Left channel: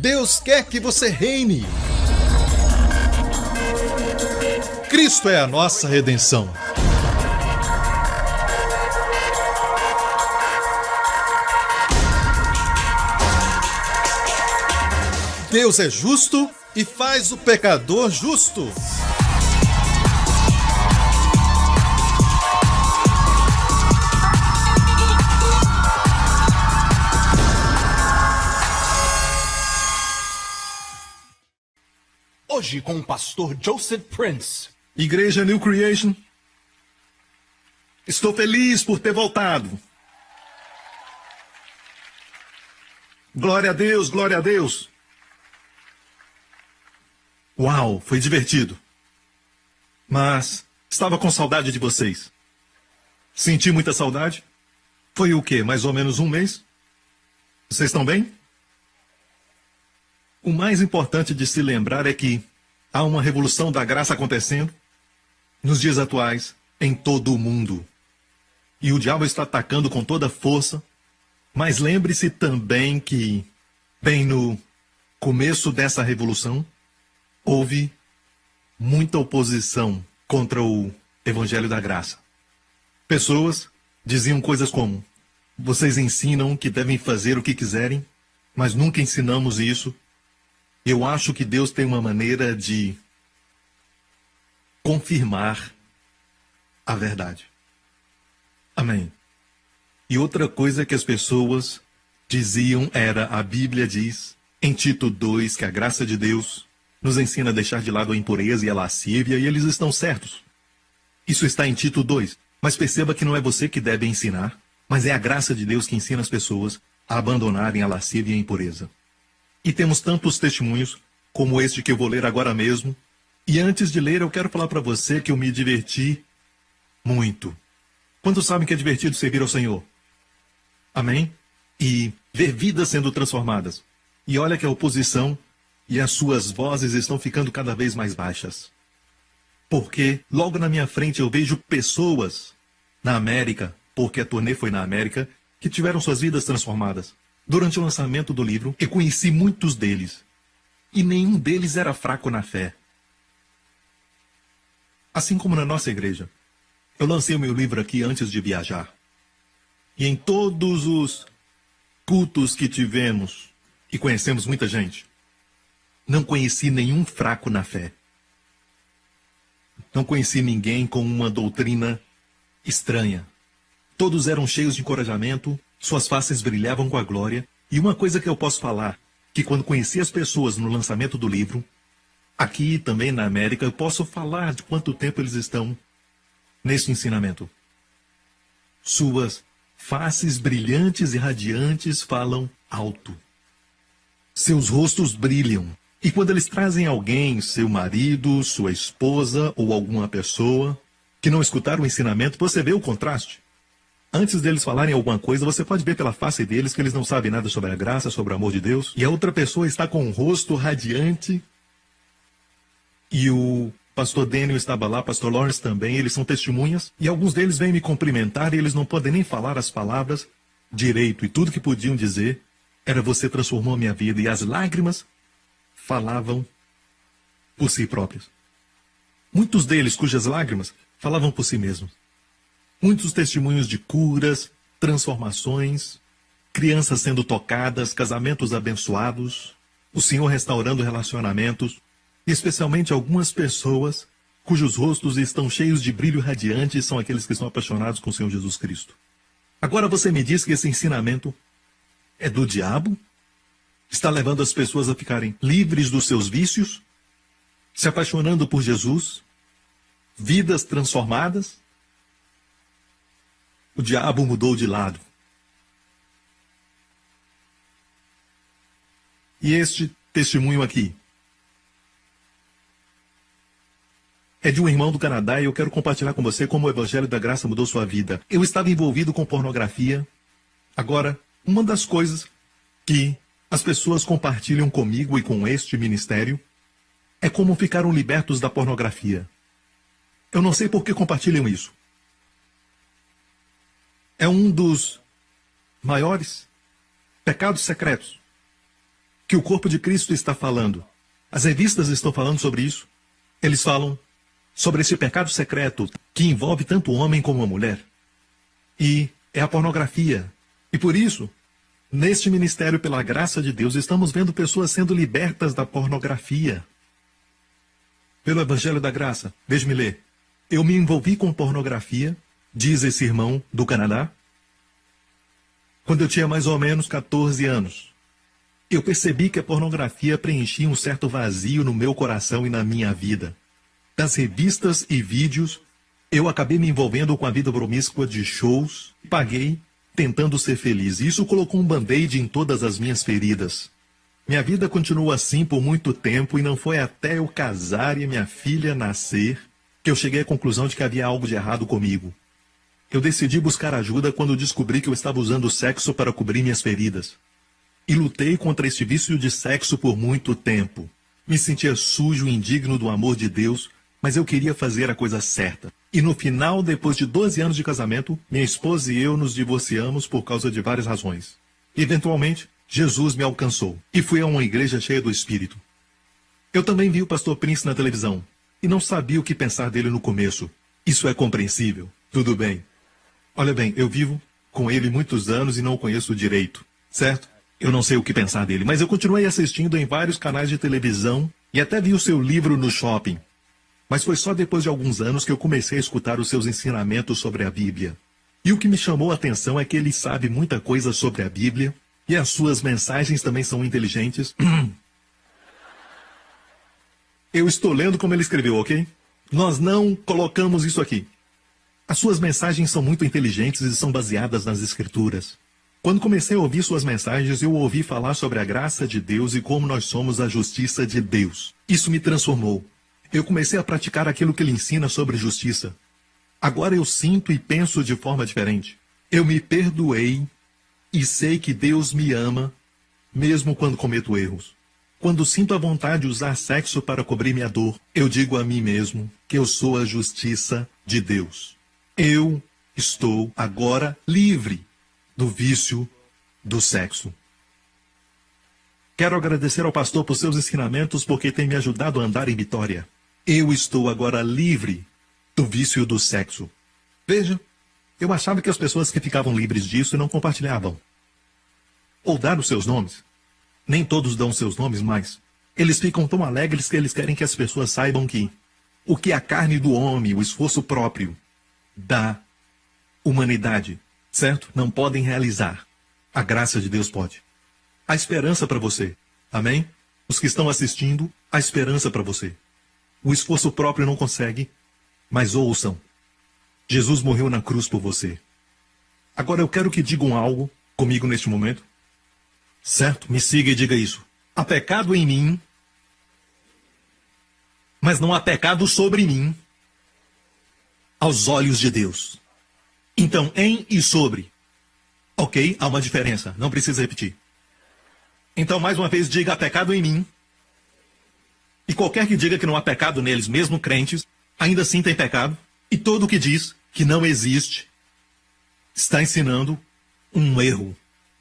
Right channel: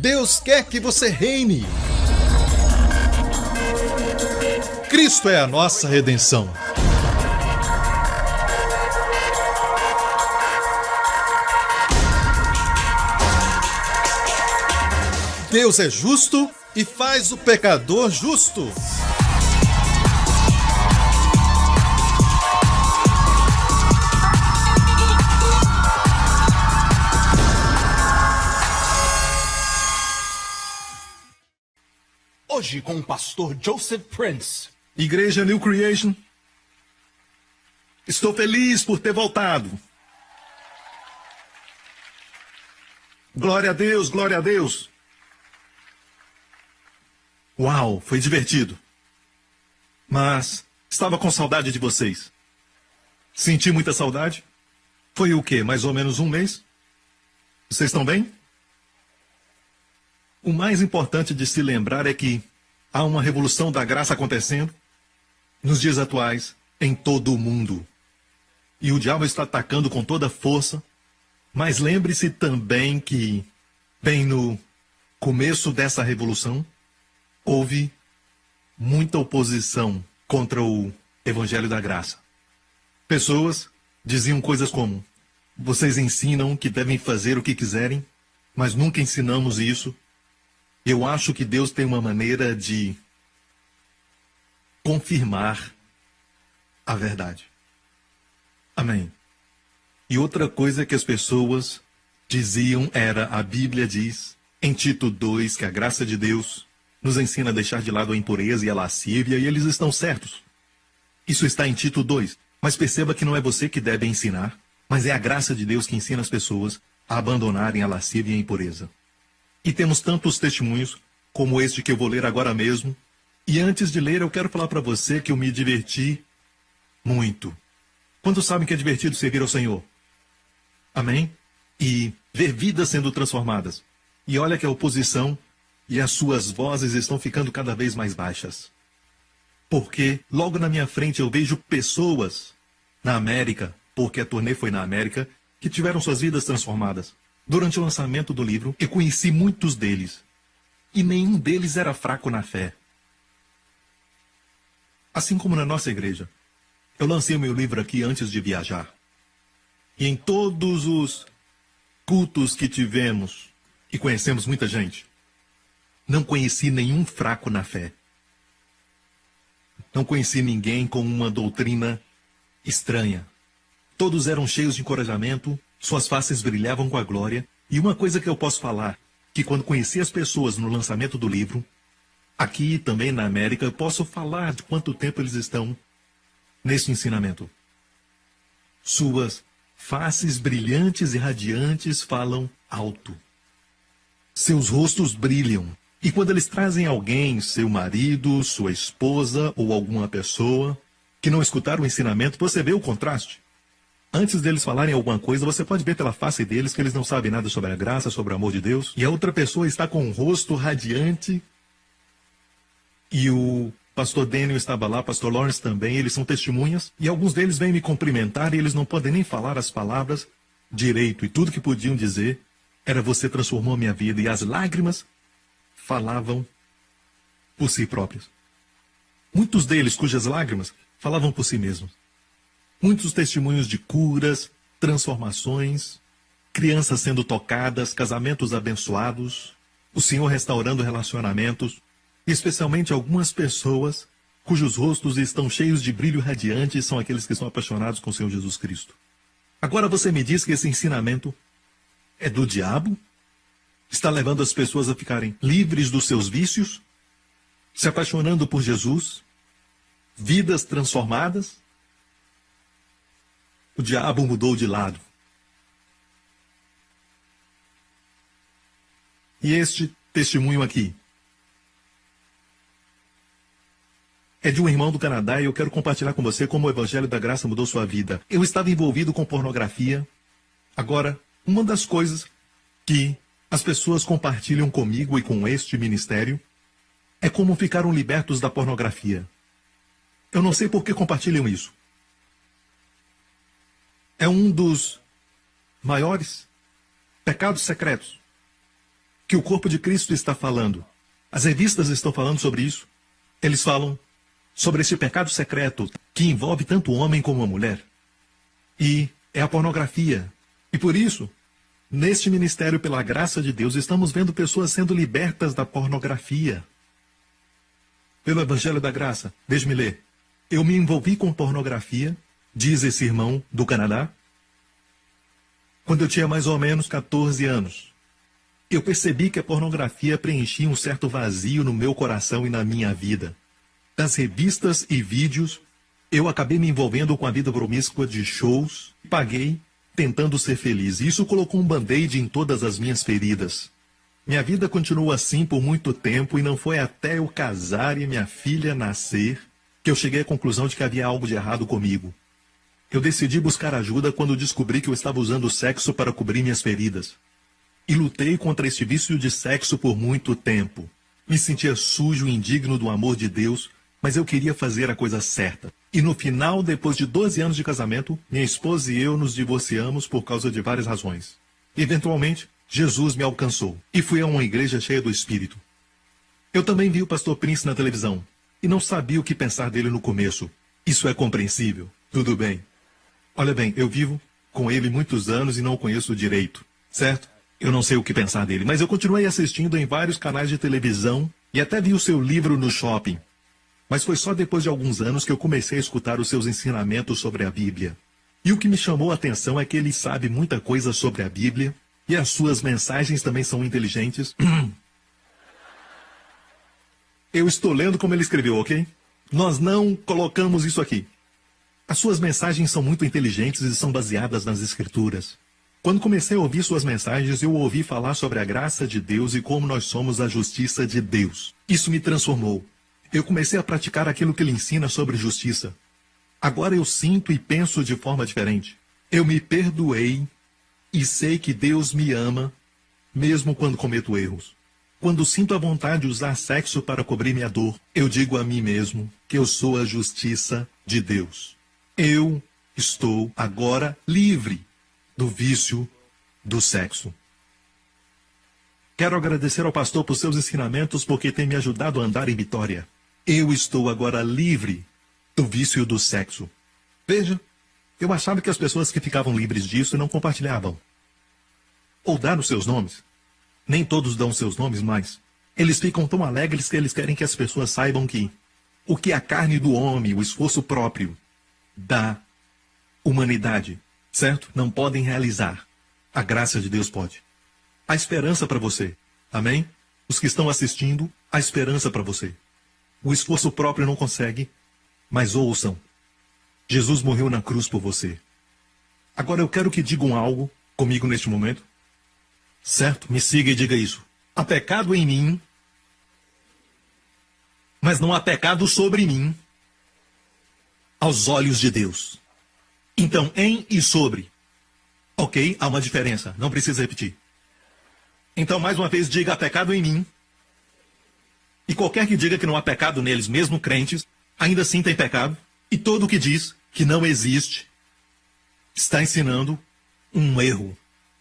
Deus quer que você reine. Cristo é a nossa redenção. Deus é justo e faz o pecador justo. Hoje com o pastor Joseph Prince. Igreja New Creation, estou feliz por ter voltado. Glória a Deus, glória a Deus. Uau, foi divertido. Mas estava com saudade de vocês. Senti muita saudade. Foi o quê? Mais ou menos um mês? Vocês estão bem? O mais importante de se lembrar é que há uma revolução da graça acontecendo nos dias atuais em todo o mundo. E o diabo está atacando com toda força. Mas lembre-se também que, bem no começo dessa revolução, houve muita oposição contra o Evangelho da Graça. Pessoas diziam coisas como: vocês ensinam que devem fazer o que quiserem, mas nunca ensinamos isso. Eu acho que Deus tem uma maneira de confirmar a verdade. Amém. E outra coisa que as pessoas diziam era: a Bíblia diz, em Tito 2, que a graça de Deus nos ensina a deixar de lado a impureza e a lascívia, e eles estão certos. Isso está em Tito 2. Mas perceba que não é você que deve ensinar, mas é a graça de Deus que ensina as pessoas a abandonarem a lascívia e a impureza. E temos tantos testemunhos, como este que eu vou ler agora mesmo. E antes de ler, eu quero falar para você que eu me diverti muito. Quantos sabem que é divertido servir ao Senhor? Amém? E ver vidas sendo transformadas. E olha que a oposição e as suas vozes estão ficando cada vez mais baixas. Porque logo na minha frente eu vejo pessoas na América, porque a turnê foi na América, que tiveram suas vidas transformadas. Durante o lançamento do livro, eu conheci muitos deles. E nenhum deles era fraco na fé. Assim como na nossa igreja. Eu lancei o meu livro aqui antes de viajar. E em todos os cultos que tivemos, e conhecemos muita gente, não conheci nenhum fraco na fé. Não conheci ninguém com uma doutrina estranha. Todos eram cheios de encorajamento, suas faces brilhavam com a glória. E uma coisa que eu posso falar, que quando conheci as pessoas no lançamento do livro, aqui e também na América, eu posso falar de quanto tempo eles estão nesse ensinamento. Suas faces brilhantes e radiantes falam alto. Seus rostos brilham. E quando eles trazem alguém, seu marido, sua esposa ou alguma pessoa que não escutaram o ensinamento, você vê o contraste. Antes deles falarem alguma coisa, você pode ver pela face deles que eles não sabem nada sobre a graça, sobre o amor de Deus. E a outra pessoa está com um rosto radiante. E o pastor Daniel estava lá, pastor Lawrence também, eles são testemunhas. E alguns deles vêm me cumprimentar e eles não podem nem falar as palavras direito. E tudo que podiam dizer era: você transformou minha vida. E as lágrimas falavam por si próprios. Muitos deles, cujas lágrimas falavam por si mesmos. Muitos testemunhos de curas, transformações, crianças sendo tocadas, casamentos abençoados, o Senhor restaurando relacionamentos, e especialmente algumas pessoas cujos rostos estão cheios de brilho radiante, são aqueles que estão apaixonados com o Senhor Jesus Cristo. Agora você me diz que esse ensinamento é do diabo? Está levando as pessoas a ficarem livres dos seus vícios, se apaixonando por Jesus, vidas transformadas? O diabo mudou de lado. E este testemunho aqui é de um irmão do Canadá e eu quero compartilhar com você como o Evangelho da Graça mudou sua vida. Eu estava envolvido com pornografia. Agora, uma das coisas que as pessoas compartilham comigo e com este ministério é como ficaram libertos da pornografia. Eu não sei por que compartilham isso. É um dos maiores pecados secretos. que o corpo de Cristo está falando. As revistas estão falando sobre isso. Eles falam sobre esse pecado secreto que envolve tanto o homem como a mulher. E é a pornografia. E por isso, neste ministério, pela graça de Deus, estamos vendo pessoas sendo libertas da pornografia. Pelo Evangelho da Graça, deixe-me ler. Eu me envolvi com pornografia, diz esse irmão do Canadá, quando eu tinha mais ou menos 14 anos. Eu percebi que a pornografia preenchia um certo vazio no meu coração e na minha vida. Das revistas e vídeos, eu acabei me envolvendo com a vida promíscua de shows, paguei, tentando ser feliz. Isso colocou um band-aid em todas as minhas feridas. Minha vida continuou assim por muito tempo e não foi até eu casar e minha filha nascer que eu cheguei à conclusão de que havia algo de errado comigo. Eu decidi buscar ajuda quando descobri que eu estava usando o sexo para cobrir minhas feridas. E lutei contra este vício de sexo por muito tempo. Me sentia sujo e indigno do amor de Deus, mas eu queria fazer a coisa certa. E no final, depois de 12 anos de casamento, minha esposa e eu nos divorciamos por causa de várias razões. Eventualmente, Jesus me alcançou e fui a uma igreja cheia do Espírito. Eu também vi o pastor Prince na televisão e não sabia o que pensar dele no começo. Isso é compreensível. Tudo bem. Olha bem, eu vivo com ele muitos anos e não o conheço direito, certo? Eu não sei o que pensar dele, mas eu continuei assistindo em vários canais de televisão e até vi o seu livro no shopping. Mas foi só depois de alguns anos que eu comecei a escutar os seus ensinamentos sobre a Bíblia. E o que me chamou a atenção é que ele sabe muita coisa sobre a Bíblia e as suas mensagens também são inteligentes. Eu estou lendo como ele escreveu, ok? Nós não colocamos isso aqui. As suas mensagens são muito inteligentes e são baseadas nas Escrituras. Quando comecei a ouvir suas mensagens, eu ouvi falar sobre a graça de Deus e como nós somos a justiça de Deus. Isso me transformou. Eu comecei a praticar aquilo que ele ensina sobre justiça. Agora eu sinto e penso de forma diferente. Eu me perdoei e sei que Deus me ama, mesmo quando cometo erros. Quando sinto a vontade de usar sexo para cobrir minha dor, eu digo a mim mesmo que eu sou a justiça de Deus. Eu estou agora livre do vício do sexo. Quero agradecer ao pastor por seus ensinamentos porque tem me ajudado a andar em vitória. Eu estou agora livre do vício do sexo. Veja, eu achava que as pessoas que ficavam livres disso não compartilhavam. Ou dar os seus nomes. Nem todos dão seus nomes, mas eles ficam tão alegres que eles querem que as pessoas saibam que o que a carne do homem, o esforço próprio da humanidade, certo? Não podem realizar. A graça de Deus pode. Há esperança para você. Amém? Os que estão assistindo, há esperança para você. O esforço próprio não consegue, mas ouçam. Jesus morreu na cruz por você. Agora eu quero que digam algo comigo neste momento. Certo? Me siga e diga isso. Há pecado em mim, mas não há pecado sobre mim aos olhos de Deus. Então, em e sobre. Ok? Há uma diferença. Não precisa repetir. Então, mais uma vez, diga: há pecado em mim. E qualquer que diga que não há pecado neles, mesmo crentes, ainda assim tem pecado. E todo o que diz que não existe está ensinando um erro.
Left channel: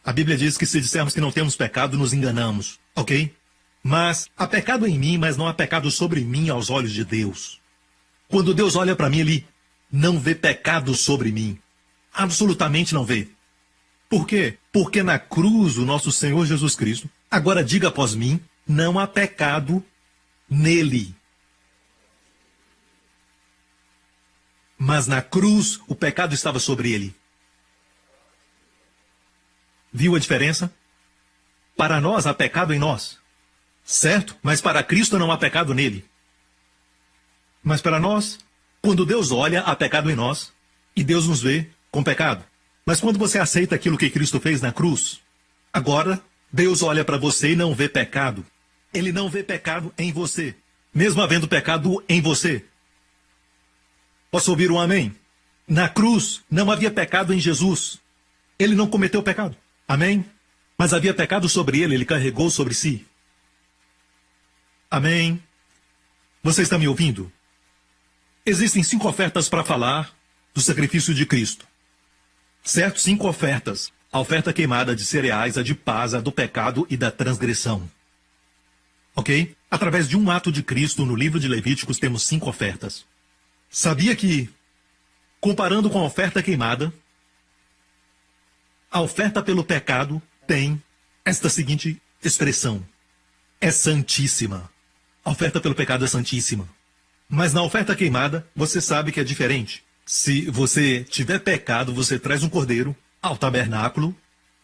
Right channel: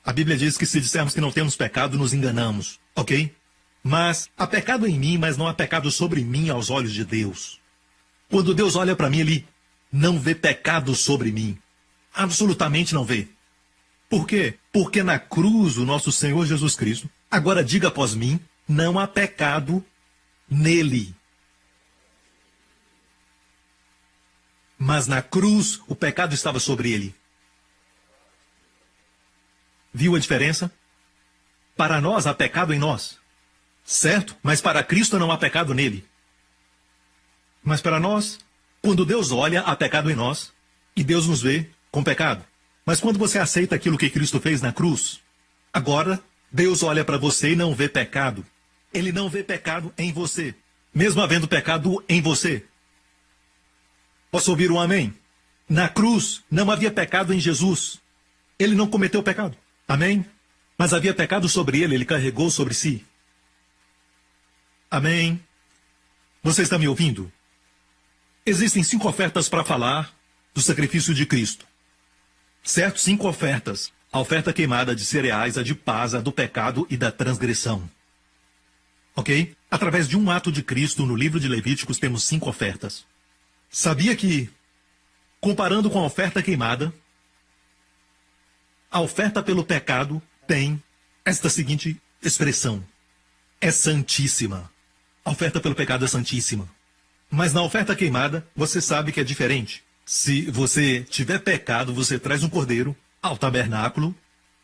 A Bíblia diz que se dissermos que não temos pecado, nos enganamos. Ok? Mas há pecado em mim, mas não há pecado sobre mim aos olhos de Deus. Quando Deus olha para mim, Ele não vê pecado sobre mim. Absolutamente não vê. Por quê? Porque na cruz, o nosso Senhor Jesus Cristo, agora diga após mim, não há pecado nele. Mas na cruz, o pecado estava sobre ele. Viu a diferença? Para nós há pecado em nós, certo? Mas para Cristo não há pecado nele. Mas para nós, quando Deus olha, há pecado em nós, e Deus nos vê com pecado. Mas quando você aceita aquilo que Cristo fez na cruz, agora Deus olha para você e não vê pecado. Ele não vê pecado em você, mesmo havendo pecado em você. Posso ouvir um amém? Na cruz não havia pecado em Jesus. Ele não cometeu pecado. Amém? Mas havia pecado sobre ele, ele carregou sobre si. Amém? Você está me ouvindo? Existem 5 ofertas para falar do sacrifício de Cristo. Certo? 5 ofertas. A oferta queimada de cereais, a de paz, a do pecado e da transgressão. Ok? Através de um ato de Cristo, no livro de Levíticos, temos 5 ofertas. Sabia que, comparando com a oferta queimada, a oferta pelo pecado tem esta seguinte expressão: é santíssima. A oferta pelo pecado é santíssima. Mas na oferta queimada, você sabe que é diferente. Se você tiver pecado, você traz um cordeiro ao tabernáculo,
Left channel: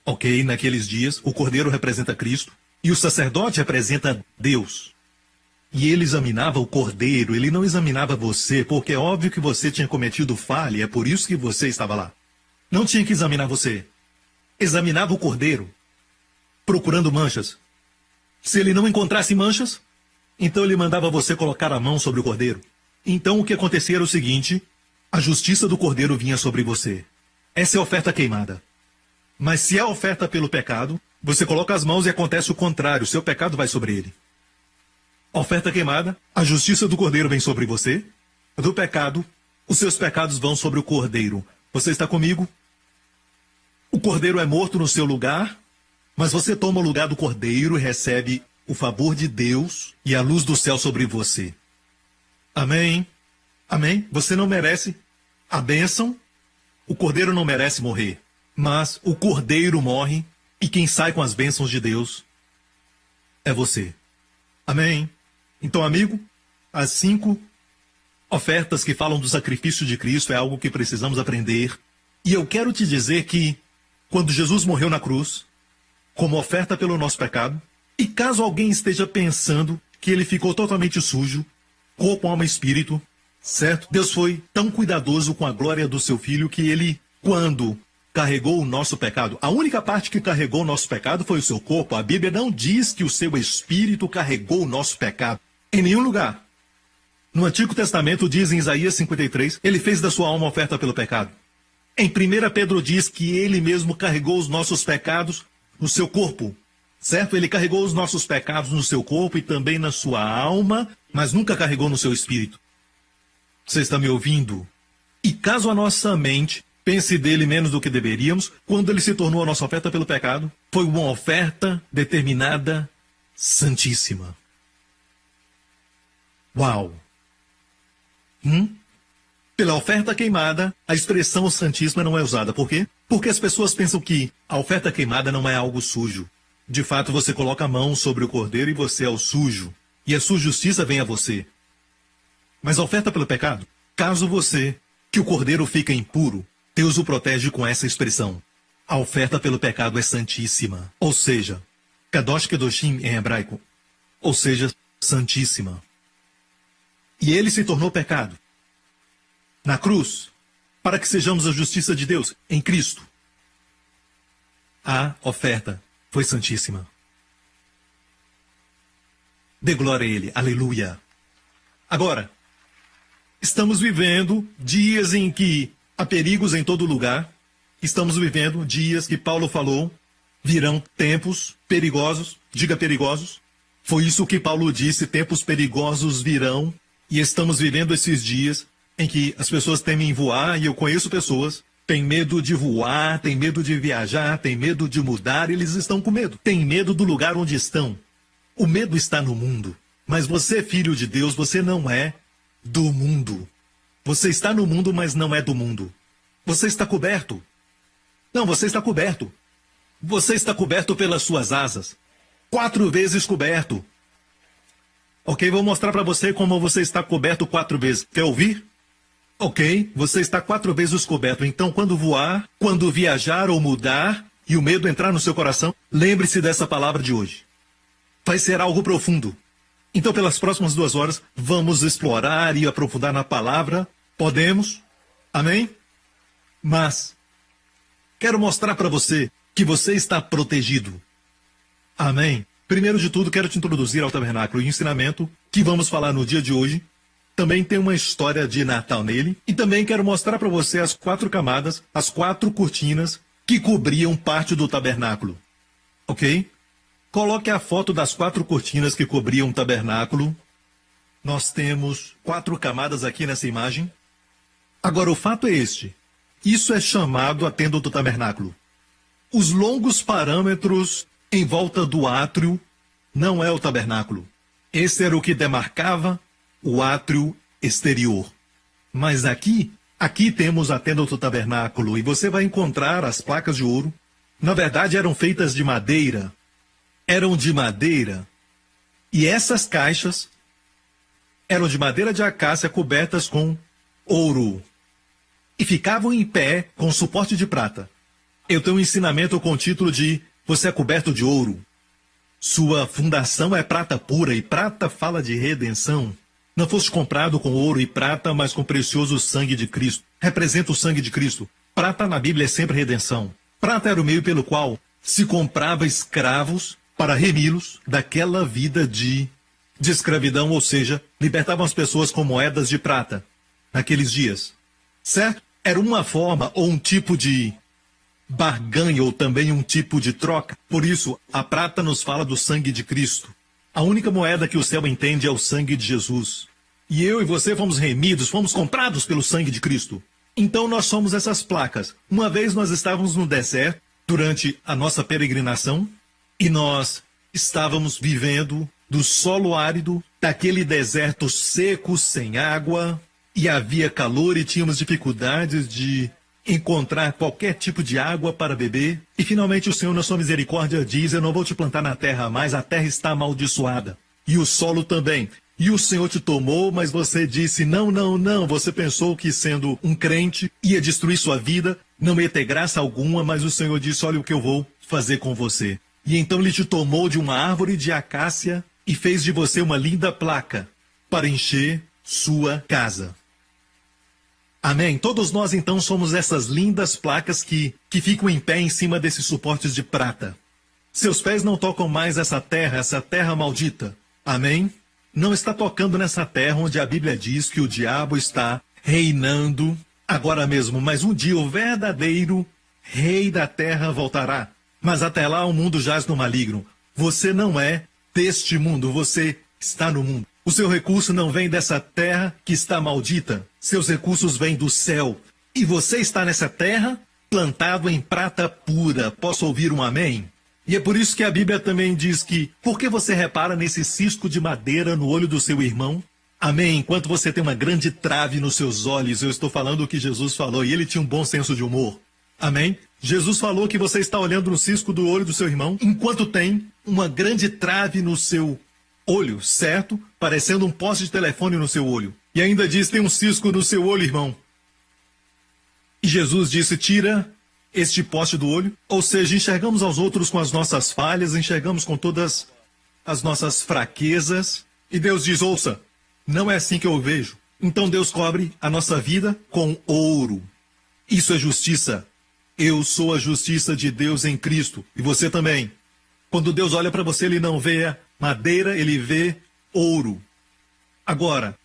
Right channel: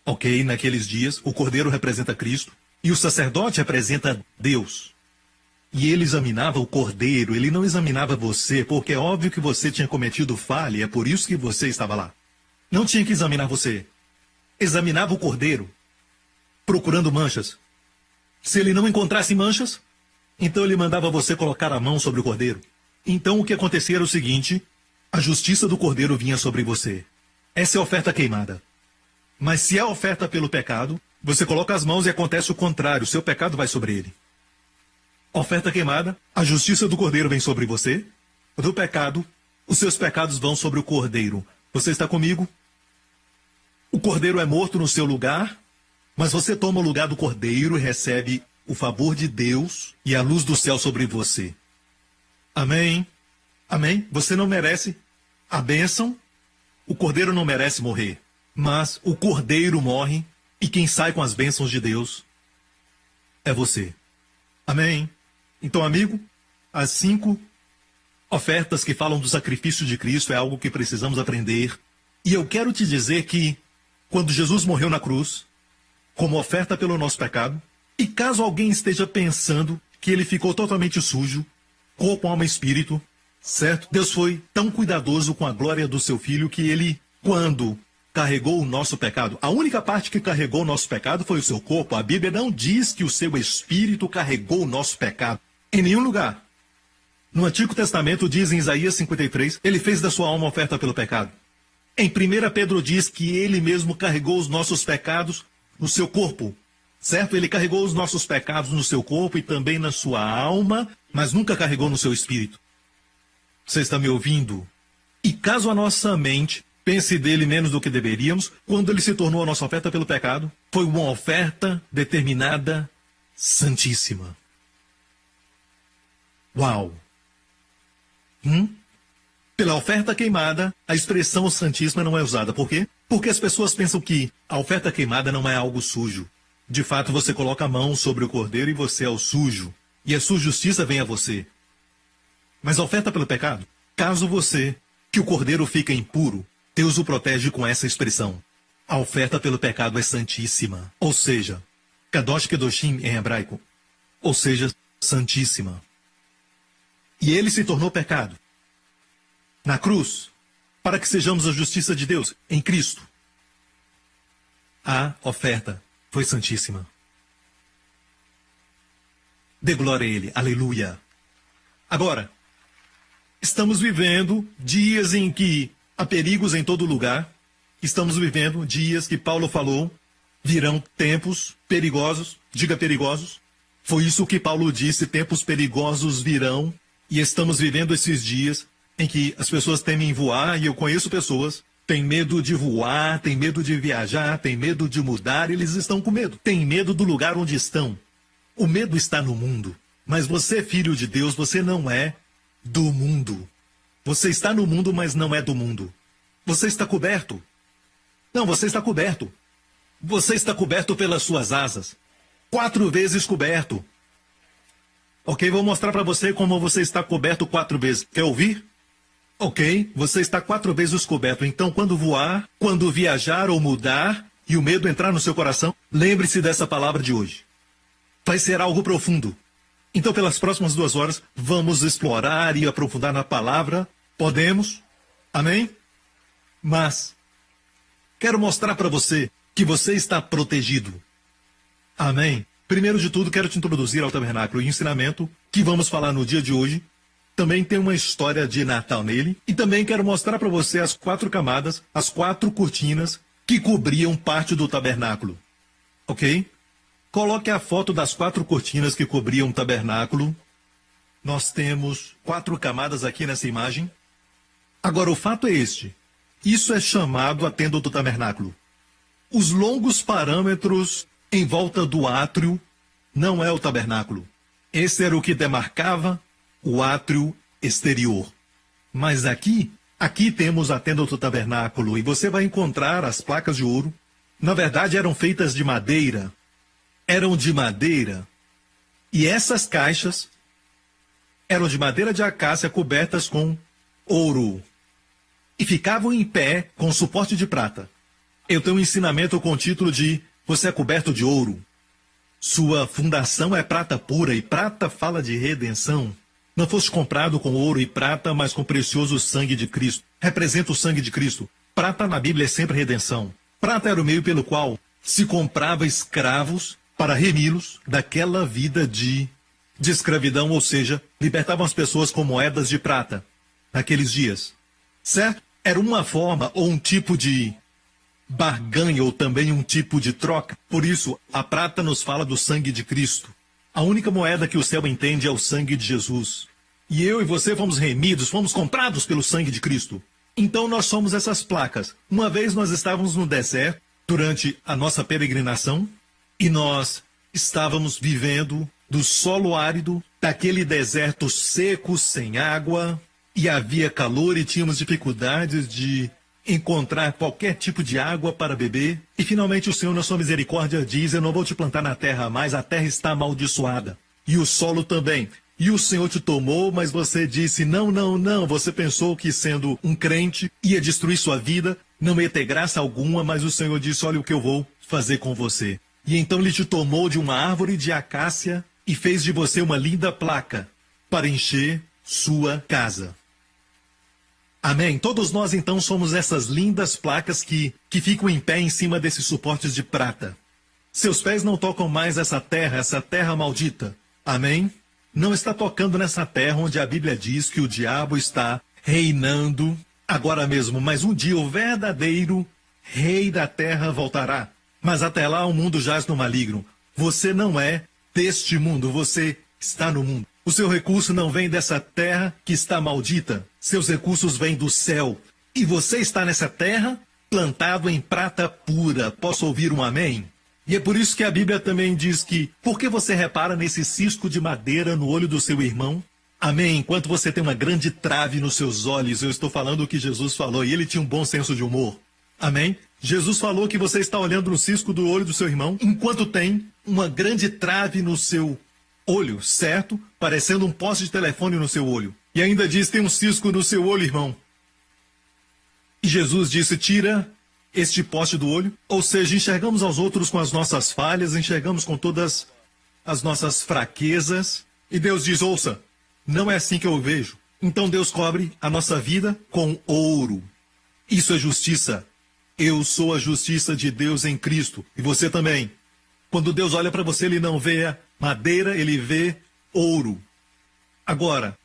ok? Naqueles dias, o cordeiro representa Cristo e o sacerdote representa Deus. E ele examinava o cordeiro, ele não examinava você, porque é óbvio que você tinha cometido falha, e é por isso que você estava lá. Não tinha que examinar você. Examinava o cordeiro, procurando manchas. Se ele não encontrasse manchas, então ele mandava você colocar a mão sobre o cordeiro. Então o que acontecia era o seguinte: a justiça do cordeiro vinha sobre você. Essa é a oferta queimada. Mas se é a oferta pelo pecado, você coloca as mãos e acontece o contrário, o seu pecado vai sobre ele. Oferta queimada, a justiça do cordeiro vem sobre você. Do pecado, os seus pecados vão sobre o cordeiro. Você está comigo? O cordeiro é morto no seu lugar, mas você toma o lugar do cordeiro e recebe o favor de Deus e a luz do céu sobre você. Amém? Amém? Você não merece a bênção, o cordeiro não merece morrer, mas o cordeiro morre e quem sai com as bênçãos de Deus é você. Amém? Então, amigo, as 5 ofertas que falam do sacrifício de Cristo é algo que precisamos aprender. E eu quero te dizer que, quando Jesus morreu na cruz, como oferta pelo nosso pecado, e caso alguém esteja pensando que ele ficou totalmente sujo, corpo, alma e espírito, certo? Deus foi tão cuidadoso com a glória do seu Filho que ele, quando carregou o nosso pecado, a única parte que carregou o nosso pecado foi o seu corpo. A Bíblia não diz que o seu espírito carregou o nosso pecado em nenhum lugar. No Antigo Testamento diz em Isaías 53, ele fez da sua alma oferta pelo pecado. Em 1 Pedro diz que ele mesmo carregou os nossos pecados no seu corpo, certo? Ele carregou os nossos pecados no seu corpo e também na sua alma, mas nunca carregou no seu espírito. Você está me ouvindo? E caso a nossa mente pense dele menos do que deveríamos, quando ele se tornou a nossa oferta pelo pecado, foi uma oferta determinada, santíssima. Uau! Pela oferta queimada, a expressão santíssima não é usada. Por quê? Porque as pessoas pensam que a oferta queimada não é algo sujo. De fato, você coloca a mão sobre o cordeiro e você é o sujo. E a sua justiça vem a você. Mas a oferta pelo pecado, caso você, que o cordeiro fica impuro, Deus o protege com essa expressão. A oferta pelo pecado é santíssima. Ou seja, Kadosh Kedoshim em hebraico. Ou seja, santíssima. E ele se tornou pecado na cruz, para que sejamos a justiça de Deus em Cristo. A oferta foi santíssima. Dê glória a ele. Aleluia. Agora, estamos vivendo dias em que há perigos em todo lugar. Estamos vivendo dias que Paulo falou, virão tempos perigosos. Diga perigosos. Foi isso que Paulo disse, tempos perigosos virão. E estamos vivendo esses dias em que as pessoas temem voar, e eu conheço pessoas, têm medo de voar, têm medo de viajar, têm medo de mudar, eles estão com medo. Têm medo do lugar onde estão. O medo está no mundo. Mas você, filho de Deus, você não é do mundo. Você está no mundo, mas não é do mundo. Você está coberto. Não, você está coberto. Você está coberto pelas suas asas. 4 vezes coberto. Ok, vou mostrar para você como você está coberto 4 vezes. Quer ouvir? Ok, você está 4 vezes coberto. Então, quando voar, quando viajar ou mudar, e o medo entrar no seu coração, lembre-se dessa palavra de hoje. Vai ser algo profundo. Então, pelas próximas 2 horas, vamos explorar e aprofundar na palavra. Podemos? Amém? Mas, quero mostrar para você que você está protegido. Amém? Primeiro de tudo, quero te introduzir ao tabernáculo e ensinamento que vamos falar no dia de hoje. Também tem uma história de Natal nele. E também quero mostrar para você as 4 camadas, as 4 cortinas que cobriam parte do tabernáculo. Ok? Coloque a foto das 4 cortinas que cobriam o tabernáculo. Nós temos 4 camadas aqui nessa imagem. Agora, o fato é este. Isso é chamado a tenda do tabernáculo. Os longos parâmetros em volta do átrio não é o tabernáculo. Esse era o que demarcava o átrio exterior. Mas aqui temos a tenda do tabernáculo, e você vai encontrar as placas de ouro. Na verdade, eram feitas de madeira. Eram de madeira. E essas caixas eram de madeira de acácia cobertas com ouro. E ficavam em pé com suporte de prata. Eu tenho um ensinamento com o título de Você é coberto de ouro. Sua fundação é prata pura, e prata fala de redenção. Não foste comprado com ouro e prata, mas com o precioso sangue de Cristo. Representa o sangue de Cristo. Prata na Bíblia é sempre redenção. Prata era o meio pelo qual se comprava escravos para remi-los daquela vida de escravidão, ou seja, libertavam as pessoas com moedas de prata naqueles dias. Certo? Era uma forma ou um tipo de barganha, ou também um tipo de troca. Por isso, a prata nos fala do sangue de Cristo. A única moeda que o céu entende é o sangue de Jesus. E eu e você fomos remidos, fomos comprados pelo sangue de Cristo. Então nós somos essas placas. Uma vez nós estávamos no deserto, durante a nossa peregrinação, e nós estávamos vivendo do solo árido, daquele deserto seco, sem água, e havia calor e tínhamos dificuldades de encontrar qualquer tipo de água para beber. E finalmente o Senhor, na sua misericórdia, diz: eu não vou te plantar na terra, mas a terra está amaldiçoada. E o solo também. E o Senhor te tomou, mas você disse: não, não, não. Você pensou que sendo um crente ia destruir sua vida, não ia ter graça alguma, mas o Senhor disse: olha o que eu vou fazer com você. E então ele te tomou de uma árvore de acácia e fez de você uma linda placa para encher sua casa. Amém? Todos nós, então, somos essas lindas placas que ficam em pé em cima desses suportes de prata. Seus pés não tocam mais essa terra maldita. Amém? Não está tocando nessa terra onde a Bíblia diz que o diabo está reinando agora mesmo. Mas um dia o verdadeiro rei da terra voltará. Mas até lá o mundo jaz no maligno. Você não é deste mundo, você está no mundo. O seu recurso não vem dessa terra que está maldita. Seus recursos vêm do céu. E você está nessa terra plantado em prata pura. Posso ouvir um amém? E é por isso que a Bíblia também diz que, por que você repara nesse cisco de madeira no olho do seu irmão? Amém? Enquanto você tem uma grande trave nos seus olhos, eu estou falando o que Jesus falou, e ele tinha um bom senso de humor. Amém? Jesus falou que você está olhando no cisco do olho do seu irmão, enquanto tem uma grande trave no seu olho, certo? Parecendo um poste de telefone no seu olho. E ainda diz: tem um cisco no seu olho, irmão. E Jesus disse: tira este poste do olho. Ou seja, enxergamos aos outros com as nossas falhas, enxergamos com todas as nossas fraquezas. E Deus diz: ouça, não é assim que eu vejo. Então Deus cobre a nossa vida com ouro. Isso é justiça. Eu sou a justiça de Deus em Cristo. E você também. Quando Deus olha para você, ele não vê madeira, ele vê ouro. Agora,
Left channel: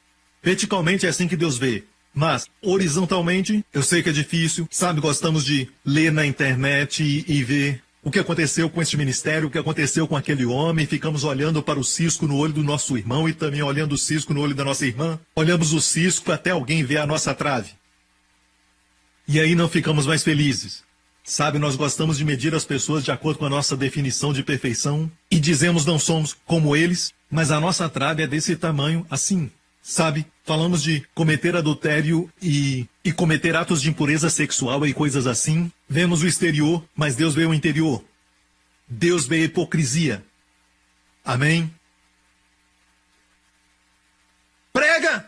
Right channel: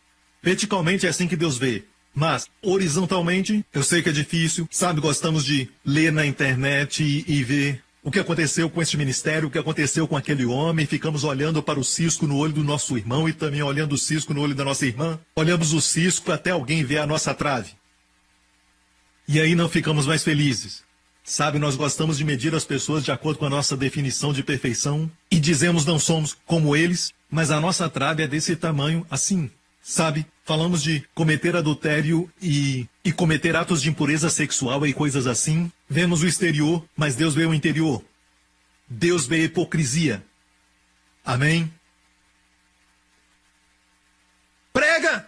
verticalmente é assim que Deus vê. Mas, horizontalmente, eu sei que é difícil. Sabe, gostamos de ler na internet e ver o que aconteceu com este ministério, o que aconteceu com aquele homem. Ficamos olhando para o cisco no olho do nosso irmão e também olhando o cisco no olho da nossa irmã. Olhamos o cisco até alguém ver a nossa trave. E aí não ficamos mais felizes. Sabe, nós gostamos de medir as pessoas de acordo com a nossa definição de perfeição e dizemos não somos como eles, mas a nossa trave é desse tamanho, assim. Sabe, falamos de cometer adultério e cometer atos de impureza sexual e coisas assim. Vemos o exterior, mas Deus vê o interior. Deus vê a hipocrisia. Amém? Prega!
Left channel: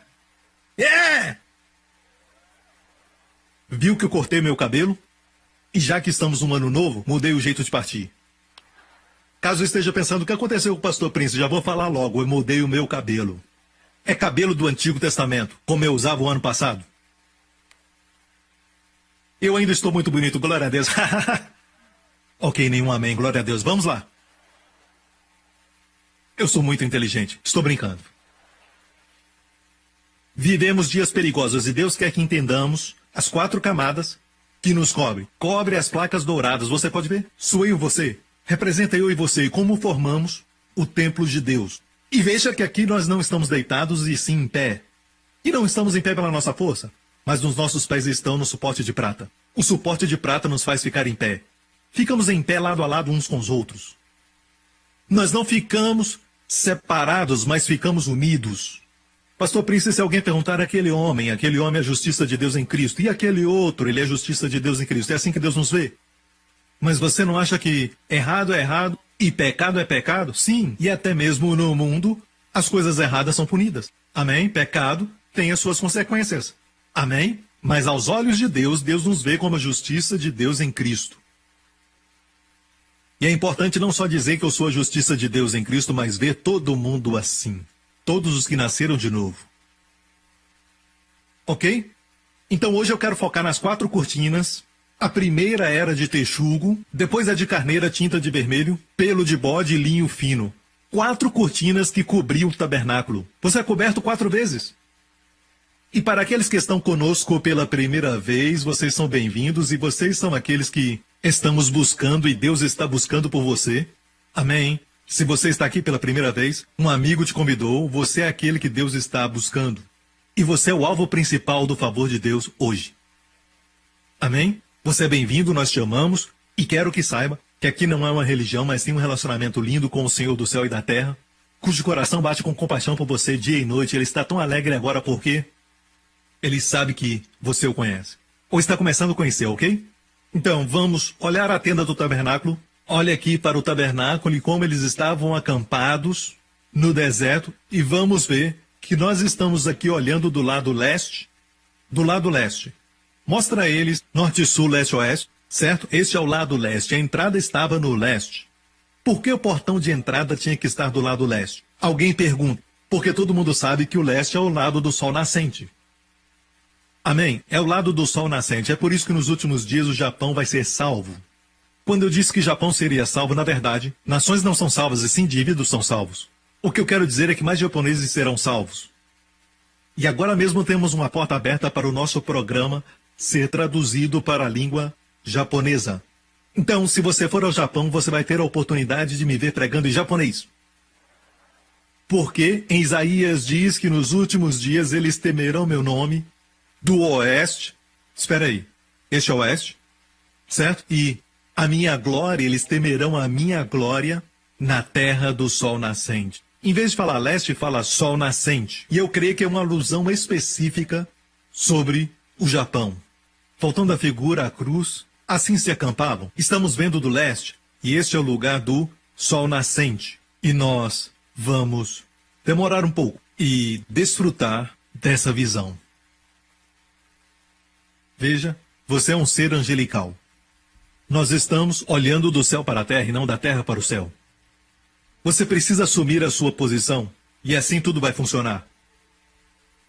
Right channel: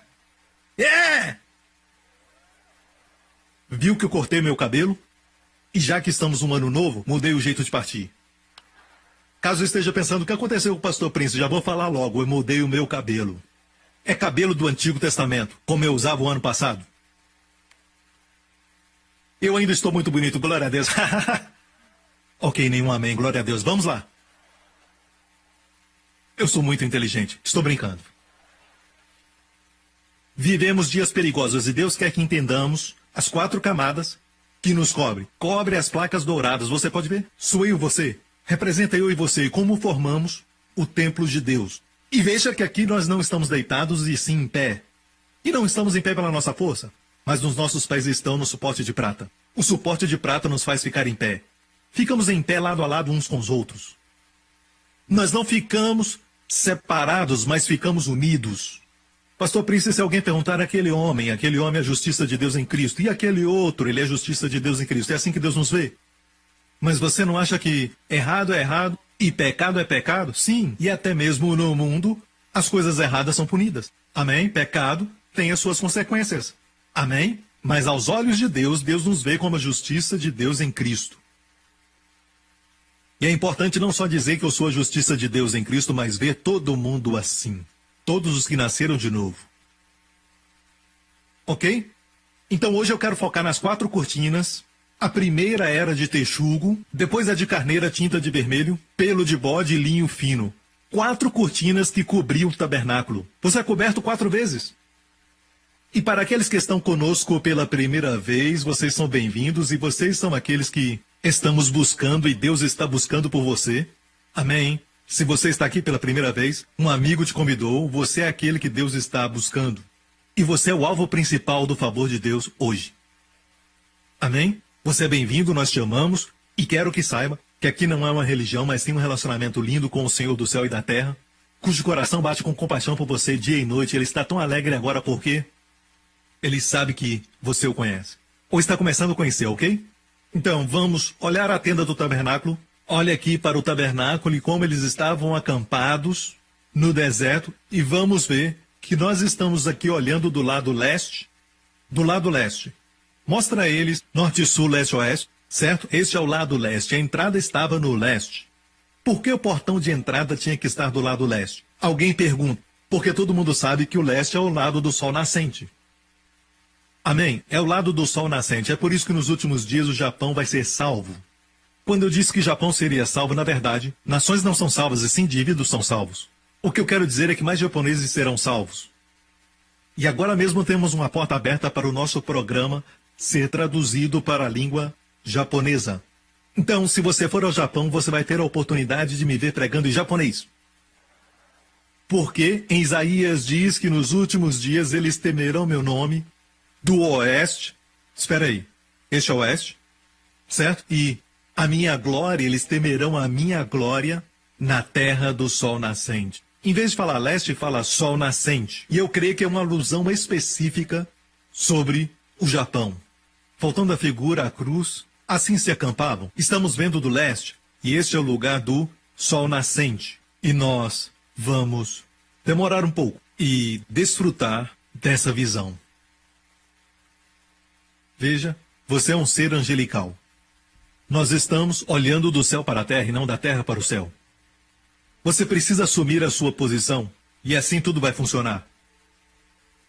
Viu que eu cortei meu cabelo? E já que estamos num ano novo, mudei o jeito de partir. Caso esteja pensando o que aconteceu com o pastor Prince, já vou falar logo, eu mudei o meu cabelo. É cabelo do Antigo Testamento, como eu usava o ano passado. Eu ainda estou muito bonito, glória a Deus. Ok, nenhum amém, glória a Deus. Vamos lá. Eu sou muito inteligente, estou brincando. Vivemos dias perigosos e Deus quer que entendamos as 4 camadas que nos cobre. Cobre as placas douradas, você pode ver? Sou eu e você. Representa eu e você, como formamos o templo de Deus. E veja que aqui nós não estamos deitados e sim em pé. E não estamos em pé pela nossa força, mas os nossos pés estão no suporte de prata. O suporte de prata nos faz ficar em pé. Ficamos em pé lado a lado uns com os outros. Nós não ficamos separados, mas ficamos unidos. Pastor Prince, se alguém perguntar aquele homem é a justiça de Deus em Cristo, e aquele outro, ele é a justiça de Deus em Cristo. É assim que Deus nos vê. Mas você não acha que errado é errado e pecado é pecado? Sim, e até mesmo no mundo, as coisas erradas são punidas. Amém? Pecado tem as suas consequências. Amém? Mas aos olhos de Deus, Deus nos vê como a justiça de Deus em Cristo. E é importante não só dizer que eu sou a justiça de Deus em Cristo, mas ver todo mundo assim. Todos os que nasceram de novo. Ok? Então hoje eu quero focar nas 4 cortinas. A primeira era de texugo, depois a de carneira tinta de vermelho, pelo de bode e linho fino. 4 cortinas que cobriam o tabernáculo. Você é coberto 4 vezes. E para aqueles que estão conosco pela primeira vez, vocês são bem-vindos e vocês são aqueles que estamos buscando e Deus está buscando por você. Amém? Se você está aqui pela primeira vez, um amigo te convidou, você é aquele que Deus está buscando. E você é o alvo principal do favor de Deus hoje. Amém? Você é bem-vindo, nós te amamos e quero que saiba que aqui não é uma religião, mas sim um relacionamento lindo com o Senhor do céu e da terra, cujo coração bate com compaixão por você dia e noite. Ele está tão alegre agora porque ele sabe que você o conhece. Ou está começando a conhecer, ok? Então, vamos olhar a tenda do tabernáculo. Olha aqui para o tabernáculo e como eles estavam acampados no deserto. E vamos ver que nós estamos aqui olhando do lado leste. Do lado leste. Mostra a eles norte, sul, leste, oeste. Certo? Este é o lado leste. A entrada estava no leste. Por que o portão de entrada tinha que estar do lado leste? Alguém pergunta. Porque todo mundo sabe que o leste é o lado do sol nascente. Amém? É o lado do sol nascente. É por isso que nos últimos dias o Japão vai ser salvo. Quando eu disse que o Japão seria salvo, na verdade, nações não são salvas, e sim indivíduos são salvos. O que eu quero dizer é que mais japoneses serão salvos. E agora mesmo temos uma porta aberta para o nosso programa ser traduzido para a língua japonesa. Então, se você for ao Japão, você vai ter a oportunidade de me ver pregando em japonês. Porque em Isaías diz que nos últimos dias eles temerão meu nome do oeste. Espera aí, este é o oeste, certo? E a minha glória, eles temerão a minha glória na terra do sol nascente. Em vez de falar leste, fala sol nascente. E eu creio que é uma alusão específica sobre o Japão. Faltando a figura, a cruz, assim se acampavam. Estamos vendo do leste, e este é o lugar do sol nascente. E nós vamos demorar um pouco e desfrutar dessa visão. Veja, você é um ser angelical. Nós estamos olhando do céu para a terra e não da terra para o céu. Você precisa assumir a sua posição e assim tudo vai funcionar.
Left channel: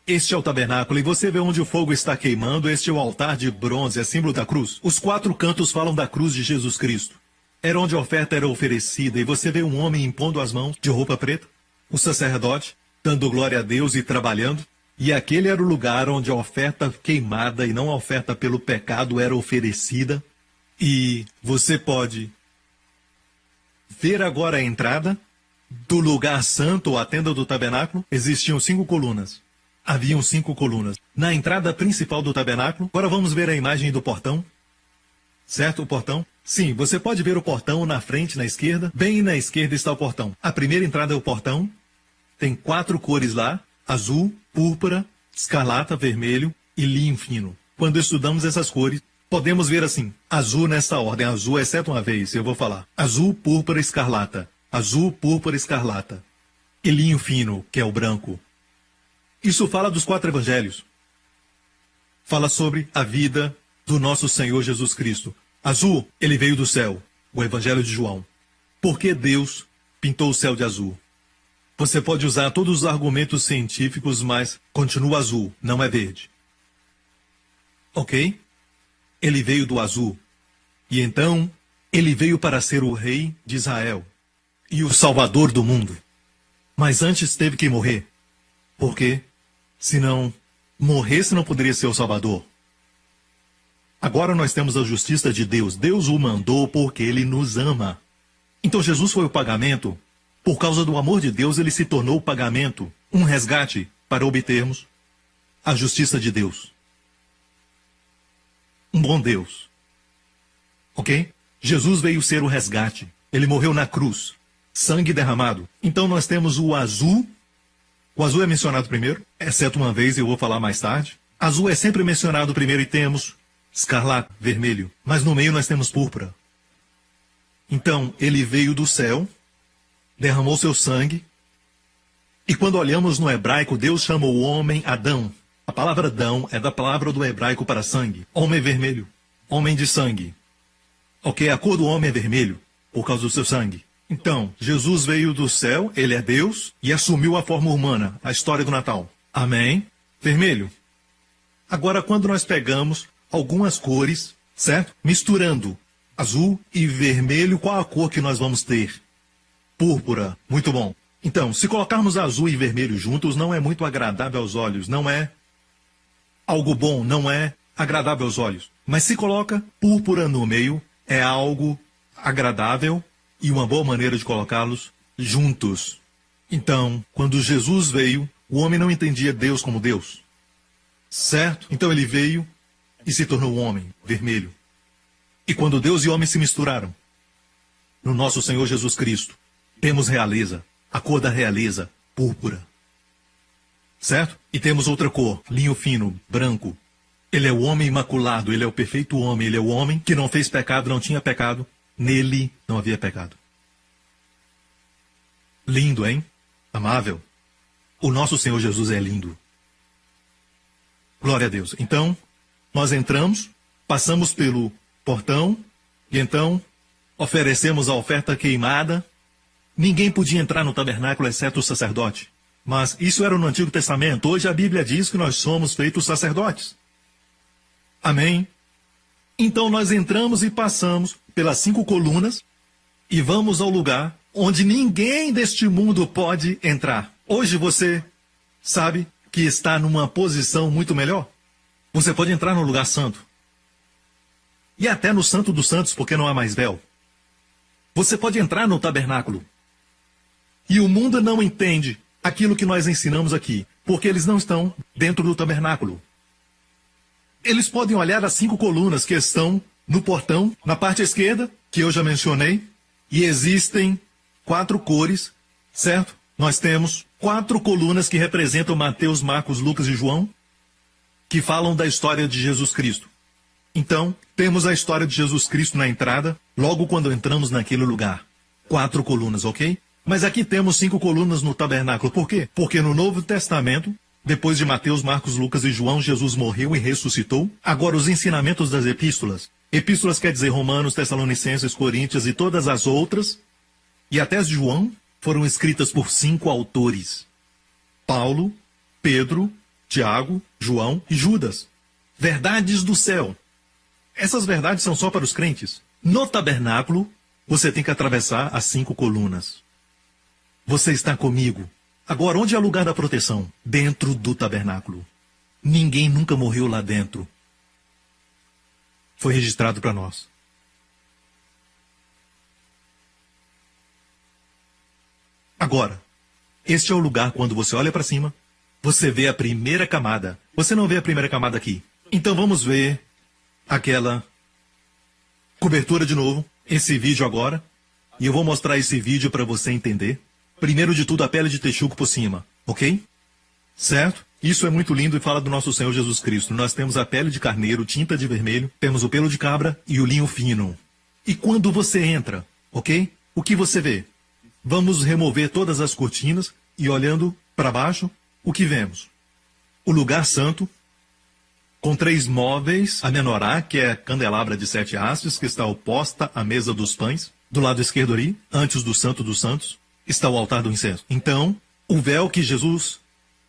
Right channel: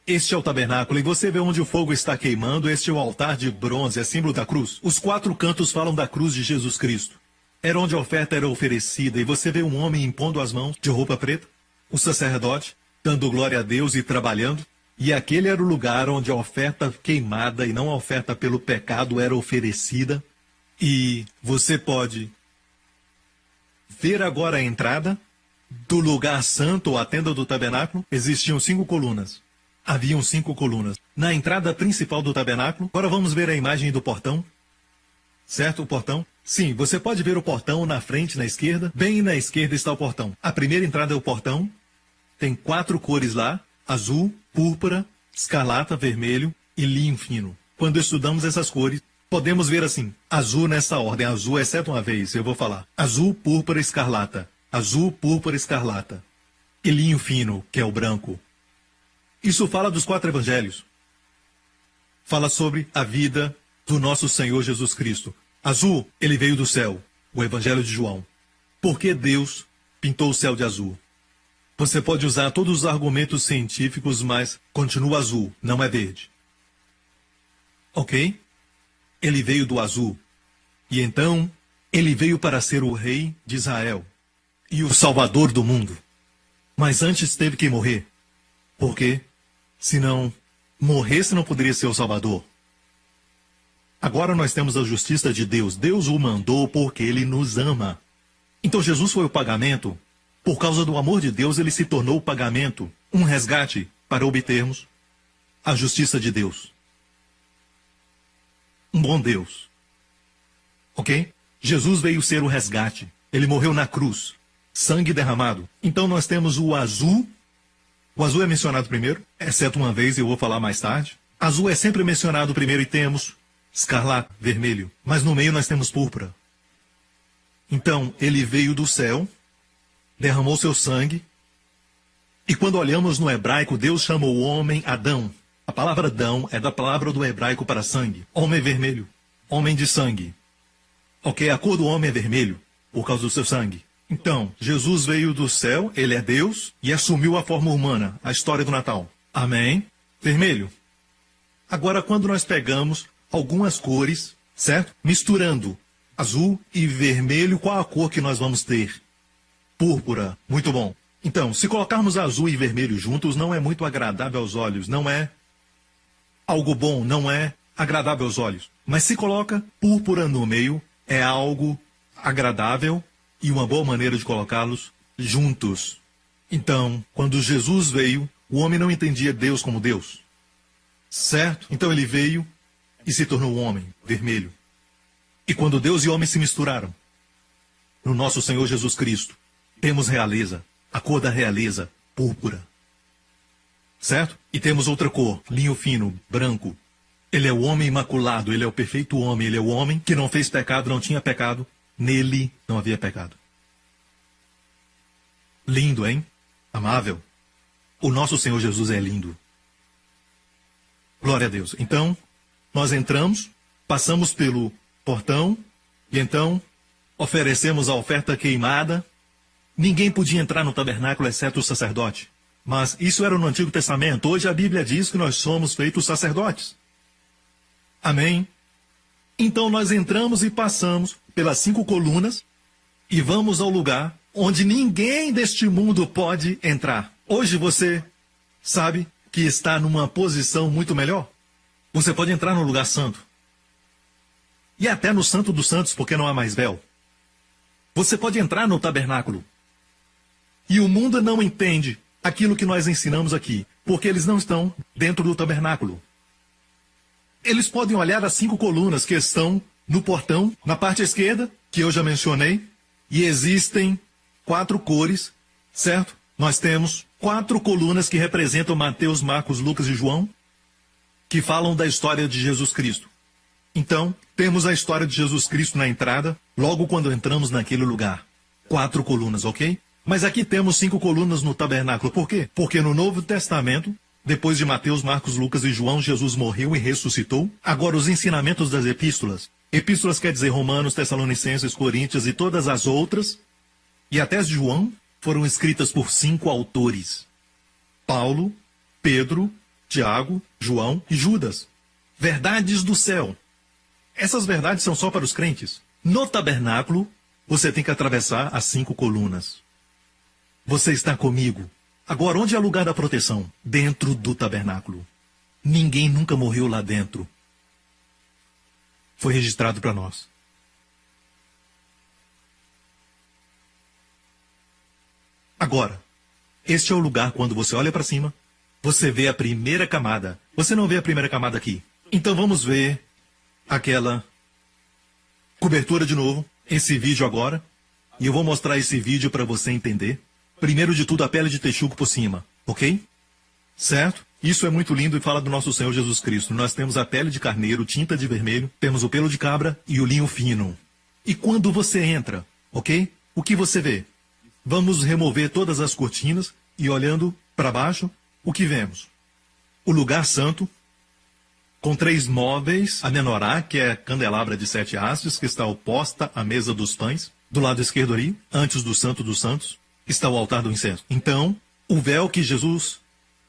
Este é o tabernáculo e você vê onde o fogo está queimando. Este é o altar de bronze, é símbolo da cruz. Os 4 cantos falam da cruz de Jesus Cristo. Era onde a oferta era oferecida e você vê um homem impondo as mãos de roupa preta, o sacerdote, dando glória a Deus e trabalhando. E aquele era o lugar onde a oferta queimada e não a oferta pelo pecado era oferecida. E você pode ver agora a entrada do lugar santo, a tenda do tabernáculo. Existiam 5 colunas. Haviam 5 colunas. Na entrada principal do tabernáculo, agora vamos ver a imagem do portão. Certo, o portão? Sim, você pode ver o portão na frente, na esquerda. Bem na esquerda está o portão. A primeira entrada é o portão. Tem 4 cores lá. Azul, púrpura, escarlata, vermelho e linho fino. Quando estudamos essas cores, podemos ver assim, azul nessa ordem, azul, exceto uma vez, eu vou falar. Azul, púrpura, escarlata. Azul, púrpura, escarlata. E linho fino, que é o branco. Isso fala dos 4 evangelhos. Fala sobre a vida do nosso Senhor Jesus Cristo. Azul, ele veio do céu, o evangelho de João. Por que Deus pintou o céu de azul? Você pode usar todos os argumentos científicos, mas continua azul, não é verde. Ok? Ele veio do azul. E então, ele veio para ser o rei de Israel e o salvador do mundo. Mas antes teve que morrer. Por quê? Se não morresse, não poderia ser o salvador. Agora nós temos a justiça de Deus. Deus o mandou porque ele nos ama. Então Jesus foi o pagamento. Por causa do amor de Deus, ele se tornou o pagamento, um resgate para obtermos a justiça de Deus. Um bom Deus. Ok? Jesus veio ser o resgate. Ele morreu na cruz. sangue derramado. Então nós temos o azul. O azul é mencionado primeiro, exceto uma vez, eu vou falar mais tarde. Azul é sempre mencionado primeiro e temos escarlate, vermelho. Mas no meio nós temos púrpura. Então, ele veio do céu, derramou seu sangue. E quando olhamos no hebraico, Deus chama o homem Adão. A palavra Adão é da palavra do hebraico para sangue. Homem vermelho, homem de sangue. Ok, a cor do homem é vermelho, por causa do seu sangue. Então, Jesus veio do céu, ele é Deus, e assumiu a forma humana, a história do Natal. Amém? Vermelho. Agora, quando nós pegamos algumas cores, certo? Misturando azul e vermelho, qual a cor que nós vamos ter? Púrpura. Muito bom. Então, se colocarmos azul e vermelho juntos, não é muito agradável aos olhos, não é algo bom, não é agradável aos olhos. Mas se coloca púrpura no meio, é algo agradável e uma boa maneira de colocá-los juntos. Então, quando Jesus veio, o homem não entendia Deus como Deus. Certo? Então ele veio e se tornou um homem, vermelho. E quando Deus e homem se misturaram, no nosso Senhor Jesus Cristo, temos realeza, a cor da realeza, púrpura. Certo? E temos outra cor, linho fino, branco. Ele é o homem imaculado, ele é o perfeito homem, ele é o homem que não fez pecado, não tinha pecado. Nele não havia pecado. Lindo, hein? Amável. O nosso Senhor Jesus é lindo. Glória a Deus. Então, nós entramos, passamos pelo portão, e então oferecemos a oferta queimada. Ninguém podia entrar no tabernáculo, exceto o sacerdote. Mas isso era no Antigo Testamento. Hoje a Bíblia diz que nós somos feitos sacerdotes. Amém? Então nós entramos e passamos pelas 5 colunas e vamos ao lugar onde ninguém deste mundo pode entrar. Hoje você sabe que está numa posição muito melhor. Você pode entrar no lugar santo. E até no Santo dos Santos, porque não há mais véu. Você pode entrar no tabernáculo. E o mundo não entende aquilo que nós ensinamos aqui, porque eles não estão dentro do tabernáculo. Eles podem olhar as 5 colunas que estão no portão, na parte esquerda, que eu já mencionei, e existem 4 cores, certo? Nós temos 4 colunas que representam Mateus, Marcos, Lucas e João, que falam da história de Jesus Cristo. Então, temos a história de Jesus Cristo na entrada, logo quando entramos naquele lugar. 4 colunas, ok? Mas aqui temos 5 colunas no tabernáculo. Por quê? Porque no Novo Testamento, depois de Mateus, Marcos, Lucas e João, Jesus morreu e ressuscitou. Agora, os ensinamentos das epístolas. Epístolas quer dizer Romanos, Tessalonicenses, Coríntios e todas as outras. E até as de João foram escritas por 5 autores. Paulo, Pedro, Tiago, João e Judas. Verdades do céu. Essas verdades são só para os crentes. No tabernáculo, você tem que atravessar as 5 colunas. Você está comigo. Agora, onde é o lugar da proteção? Dentro do tabernáculo. Ninguém nunca morreu lá dentro. Foi registrado para nós. Agora, este é o lugar quando você olha para cima, você vê a primeira camada. Você não vê a primeira camada aqui. Então vamos ver aquela cobertura de novo, esse vídeo agora. E eu vou mostrar esse vídeo para você entender. Primeiro de tudo, a pele de texugo por cima, ok? Certo? Isso é muito lindo e fala do nosso Senhor Jesus Cristo. Nós temos a pele de carneiro, tinta de vermelho, temos o pelo de cabra e o linho fino. E quando você entra, ok? O que você vê? Vamos remover todas as cortinas e olhando para baixo, o que vemos? O lugar santo, com 3 móveis, a menorá, que é a candelabra de 7 hastes, que está oposta à mesa dos pães. Do lado esquerdo ali, antes do Santo dos Santos, está o altar do incenso. Então, o véu que Jesus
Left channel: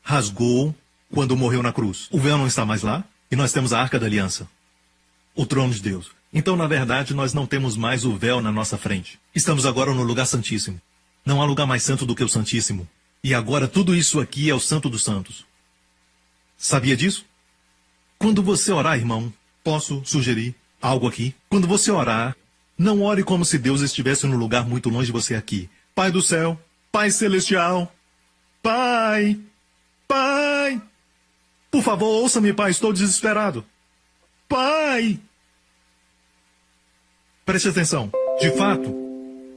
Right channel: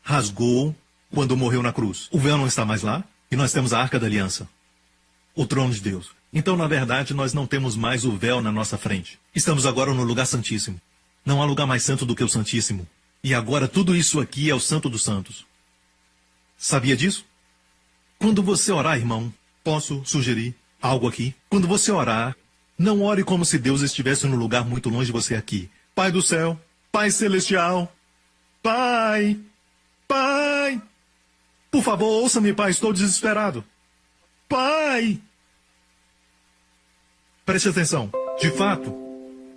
rasgou quando morreu na cruz. O véu não está mais lá e nós temos a Arca da Aliança, o trono de Deus. Então, na verdade, nós não temos mais o véu na nossa frente. Estamos agora no lugar santíssimo. Não há lugar mais santo do que o Santíssimo. E agora tudo isso aqui é o Santo dos Santos. Sabia disso? Quando você orar, irmão, posso sugerir algo aqui? Quando você orar, não ore como se Deus estivesse num lugar muito longe de você aqui. Pai do céu, Pai celestial, Pai, Pai, por favor, ouça-me, Pai, estou desesperado. Pai! Preste atenção. De fato,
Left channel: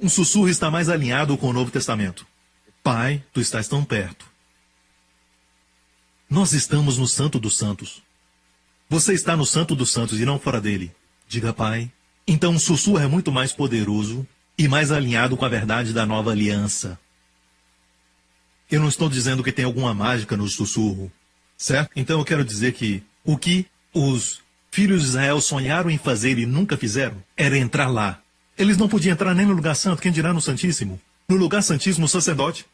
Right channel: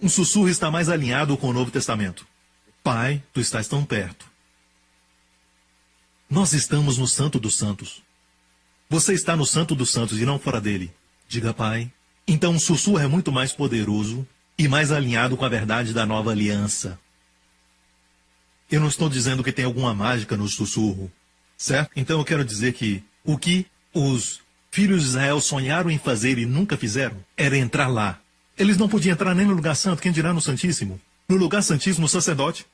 um sussurro está mais alinhado com o Novo Testamento. Pai, tu estás tão perto. Nós estamos no Santo dos Santos. Você está no Santo dos Santos e não fora dele. Diga, Pai. Então o sussurro é muito mais poderoso e mais alinhado com a verdade da nova aliança. Eu não estou dizendo que tem alguma mágica no sussurro, certo? Então eu quero dizer que o que os filhos de Israel sonharam em fazer e nunca fizeram era entrar lá. Eles não podiam entrar nem no lugar santo, quem dirá no Santíssimo? No lugar santíssimo, o sacerdote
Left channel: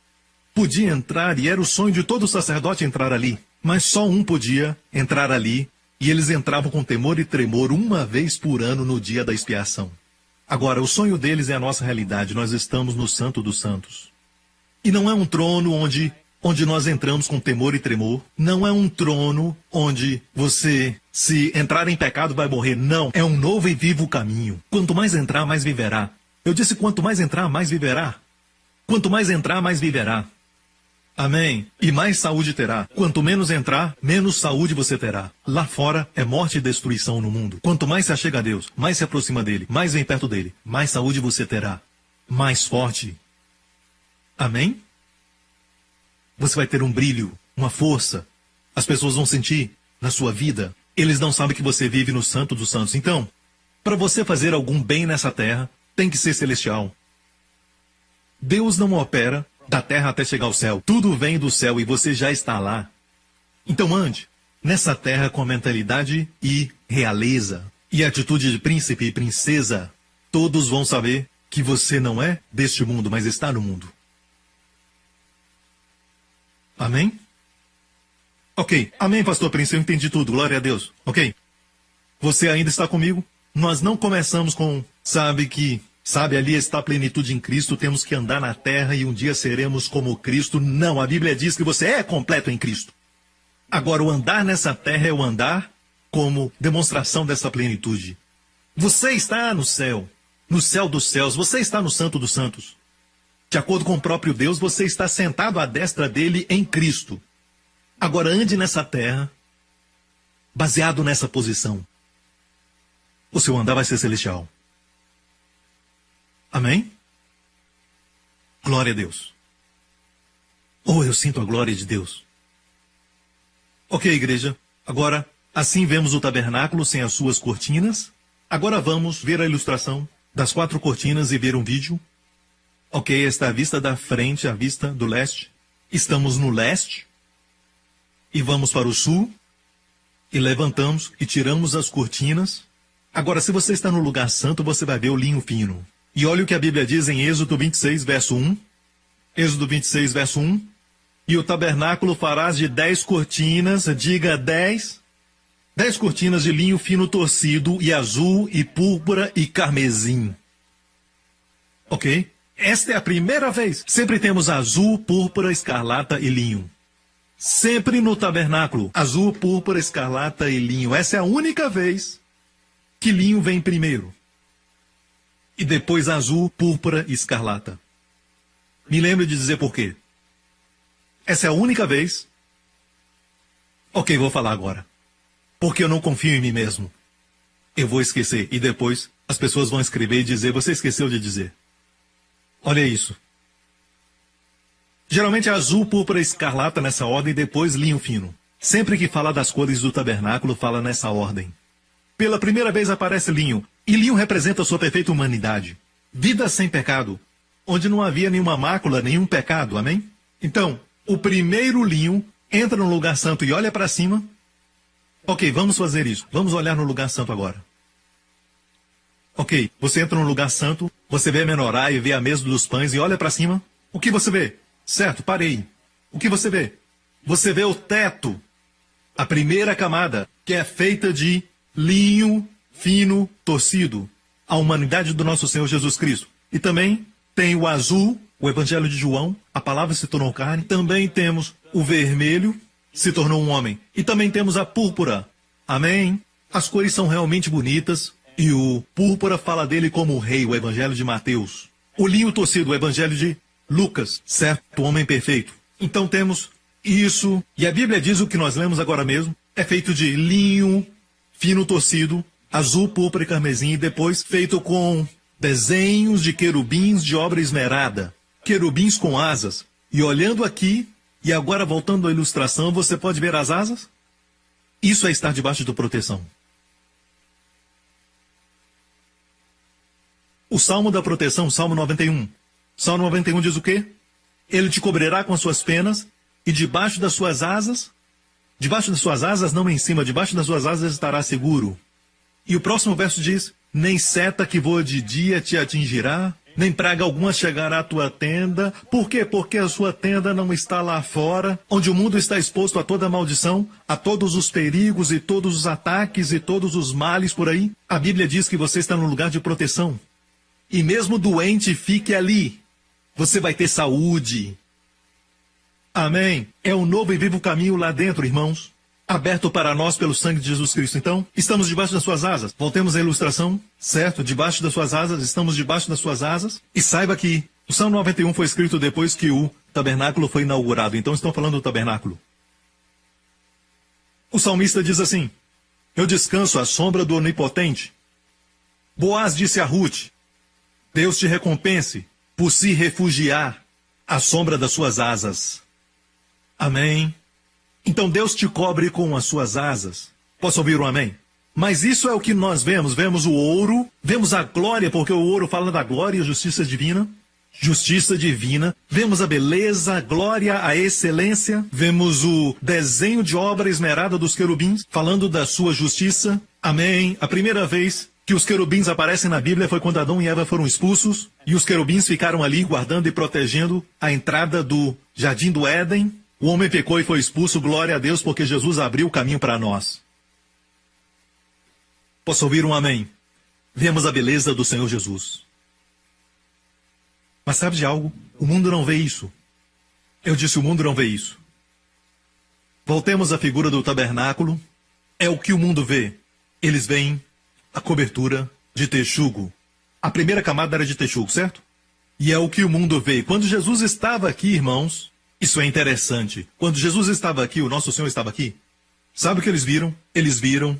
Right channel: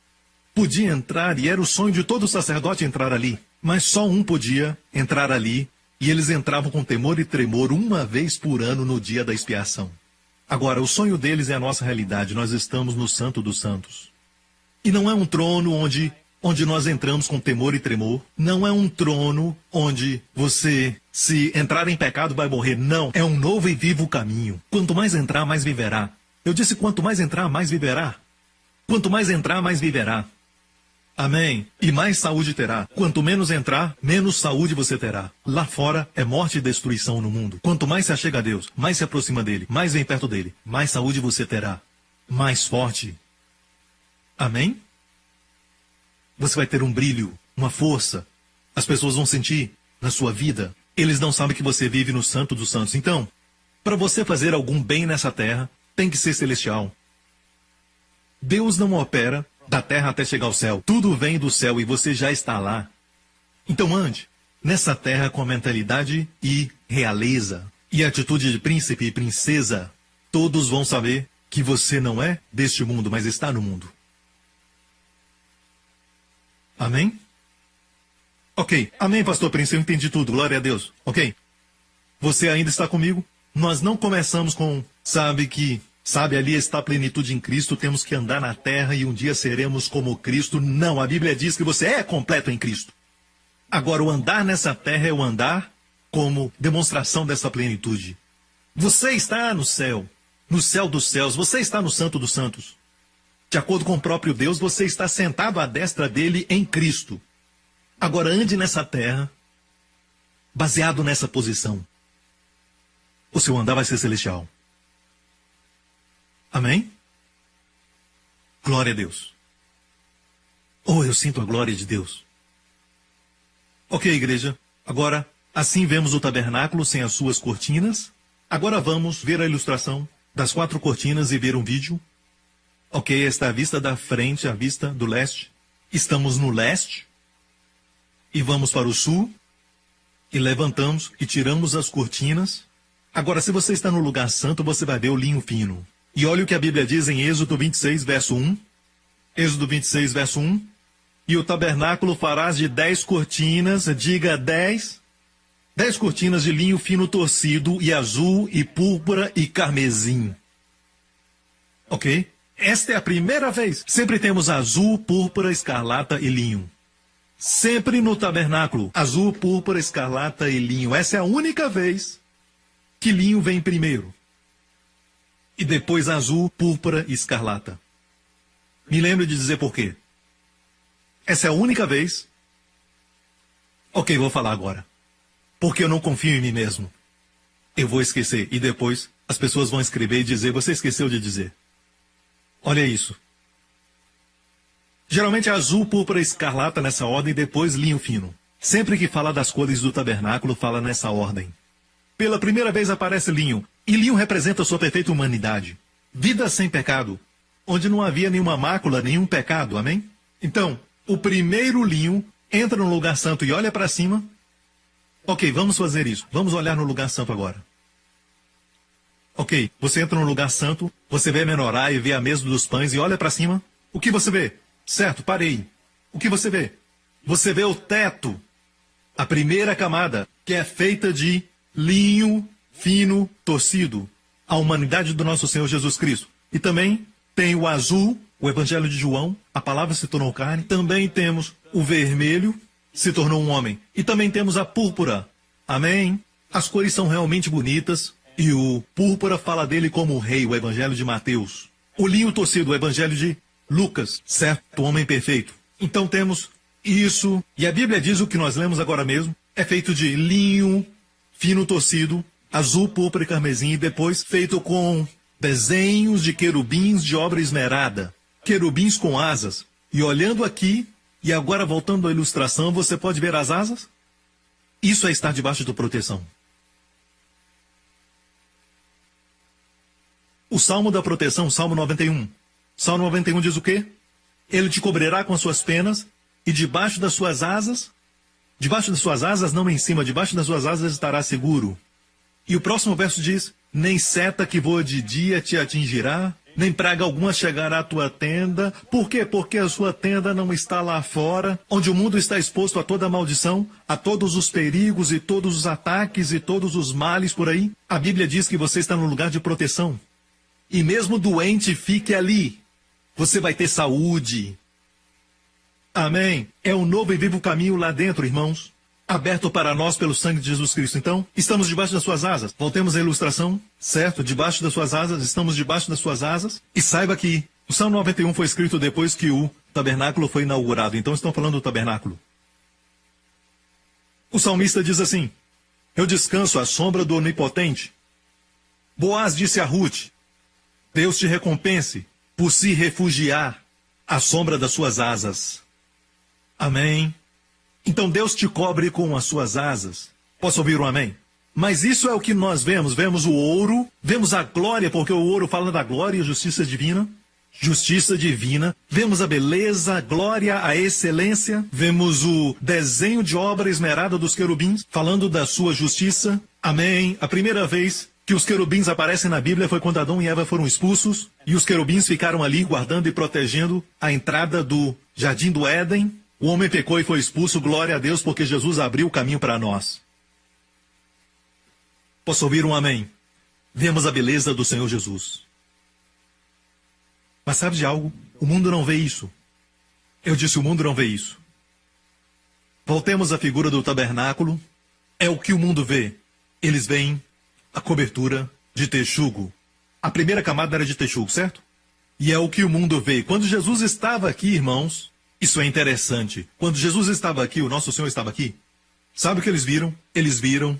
podia entrar e era o sonho de todo sacerdote entrar ali. Mas só um podia entrar ali e eles entravam com temor e tremor uma vez por ano no dia da expiação. Agora, o sonho deles é a nossa realidade. Nós estamos no Santo dos Santos. E não é um trono onde nós entramos com temor e tremor. Não é um trono onde você, se entrar em pecado, vai morrer. Não. É um novo e vivo caminho. Quanto mais entrar, mais viverá. Eu disse quanto mais entrar, mais viverá. Quanto mais entrar, mais viverá. Amém? E mais saúde terá. Quanto menos entrar, menos saúde você terá. Lá fora é morte e destruição no mundo. Quanto mais se achega a Deus, mais se aproxima dele, mais vem perto dele, mais saúde você terá. Mais forte. Amém? Você vai ter um brilho, uma força. As pessoas vão sentir na sua vida. Eles não sabem que você vive no Santo dos Santos. Então, para você fazer algum bem nessa terra, tem que ser celestial. Deus não opera da terra até chegar ao céu. Tudo vem do céu e você já está lá. Então ande nessa terra com mentalidade e realeza. E atitude de príncipe e princesa. Todos vão saber que você não é deste mundo, mas está no mundo. Amém? Ok. Amém, pastor Príncipe. Eu entendi tudo. Glória a Deus. Ok. Você ainda está comigo? Nós não começamos com, Sabe, ali está a plenitude em Cristo, temos que andar na terra e um dia seremos como Cristo. Não, a Bíblia diz que você é completo em Cristo. Agora, o andar nessa terra é o andar como demonstração dessa plenitude. Você está no céu dos céus, você está no Santo dos Santos. De acordo com o próprio Deus, você está sentado à destra dele em Cristo. Agora, ande nessa terra, baseado nessa posição. O seu andar vai ser celestial. Amém? Glória a Deus. Oh, eu sinto a glória de Deus. Ok, igreja. Agora, assim vemos o tabernáculo sem as suas cortinas. Agora vamos ver a ilustração das 4 cortinas e ver um vídeo. Ok, esta é a vista da frente, a vista do leste. Estamos no leste. E vamos para o sul. E levantamos e tiramos as cortinas. Agora, se você está no lugar santo, você vai ver o linho fino. E olha o que a Bíblia diz em Êxodo 26, verso 1. Êxodo 26, verso 1. E o tabernáculo farás de 10 cortinas, diga 10. 10 cortinas de linho fino torcido, e azul, e púrpura, e carmesim. Ok? Esta é a primeira vez. Sempre temos azul, púrpura, escarlata e linho. Sempre no tabernáculo, azul, púrpura, escarlata e linho. Essa é a única vez que linho vem primeiro. E depois azul, púrpura e escarlata. Me lembro de dizer por quê. Essa é a única vez. Ok, vou falar agora. Porque eu não confio em mim mesmo. Eu vou esquecer. E depois as pessoas vão escrever e dizer, você esqueceu de dizer. Olha isso. Geralmente é azul, púrpura e escarlata nessa ordem e depois linho fino. Sempre que fala das cores do tabernáculo, fala nessa ordem. Pela primeira vez aparece linho. E linho representa a sua perfeita humanidade. Vida sem pecado. Onde não havia nenhuma mácula, nenhum pecado. Amém? Então, o primeiro linho entra no lugar santo e olha para cima. Ok, vamos fazer isso. Vamos olhar no lugar santo agora. Ok, você entra no lugar santo, você vê a menorá e vê a mesa dos pães e olha para cima. O que você vê? Certo, parei. O que você vê? Você vê o teto. A primeira camada, que é feita de linho fino, torcido, a humanidade do nosso Senhor Jesus Cristo. E também tem o azul, o Evangelho de João, a palavra se tornou carne. Também temos o vermelho, se tornou um homem. E também temos a púrpura. Amém? As cores são realmente bonitas. E o púrpura fala dele como o rei, o Evangelho de Mateus. O linho torcido, o Evangelho de Lucas, certo? O homem perfeito. Então temos isso. E a Bíblia diz o que nós lemos agora mesmo. É feito de linho fino torcido, azul, púrpura e carmesim, e depois feito com desenhos de querubins de obra esmerada, querubins com asas. E olhando aqui, e agora voltando à ilustração, você pode ver as asas? Isso é estar debaixo de proteção. O Salmo da proteção, Salmo 91. Salmo 91 diz o quê? Ele te cobrirá com as suas penas, e debaixo das suas asas não em cima, debaixo das suas asas estará seguro. E o próximo verso diz, nem seta que voa de dia te atingirá, nem praga alguma chegará à tua tenda. Por quê? Porque a sua tenda não está lá fora, onde o mundo está exposto a toda maldição, a todos os perigos e todos os ataques e todos os males por aí. A Bíblia diz que você está no lugar de proteção. E mesmo doente, fique ali. Você vai ter saúde. Amém. É um novo e vivo caminho lá dentro, irmãos. Aberto para nós pelo sangue de Jesus Cristo. Então, estamos debaixo das suas asas. Voltemos à ilustração, certo? Debaixo das suas asas, estamos debaixo das suas asas. E saiba que o Salmo 91 foi escrito depois que o tabernáculo foi inaugurado. Então, estão falando do tabernáculo. O salmista diz assim, eu descanso à sombra do Onipotente. Boaz disse a Ruth, Deus te recompense por se refugiar à sombra das suas asas. Amém. Então Deus te cobre com as suas asas. Posso ouvir um amém? Mas isso é o que nós vemos. Vemos o ouro, vemos a glória, porque o ouro fala da glória e justiça divina. Justiça divina. Vemos a beleza, a glória, a excelência. Vemos o desenho de obra esmerada dos querubins, falando da sua justiça. Amém. A primeira vez que os querubins aparecem na Bíblia foi quando Adão e Eva foram expulsos, e os querubins ficaram ali guardando e protegendo a entrada do Jardim do Éden. O homem pecou e foi expulso, glória a Deus, porque Jesus abriu o caminho para nós. Posso ouvir um amém? Vemos a beleza do Senhor Jesus. Mas sabe de algo? O mundo não vê isso. Eu disse, o mundo não vê isso. Voltemos à figura do tabernáculo. É o que o mundo vê. Eles veem a cobertura de texugo. A primeira camada era de texugo, certo? E é o que o mundo vê. Quando Jesus estava aqui, irmãos, isso é interessante. Quando Jesus estava aqui, o nosso Senhor estava aqui, sabe o que eles viram? Eles viram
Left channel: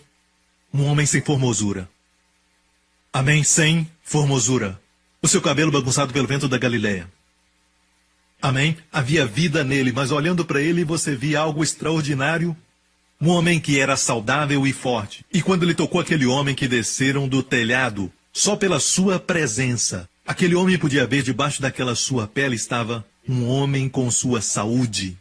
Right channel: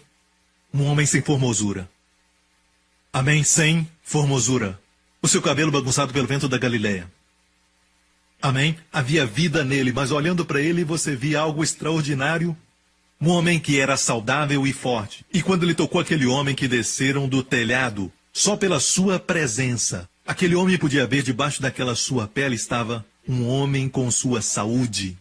um homem sem formosura. Amém? Sem formosura. O seu cabelo bagunçado pelo vento da Galileia. Amém? Havia vida nele, mas olhando para ele você via algo extraordinário. Um homem que era saudável e forte. E quando ele tocou aquele homem que desceram do telhado, só pela sua presença, aquele homem podia ver debaixo daquela sua pele estava um homem com sua saúde,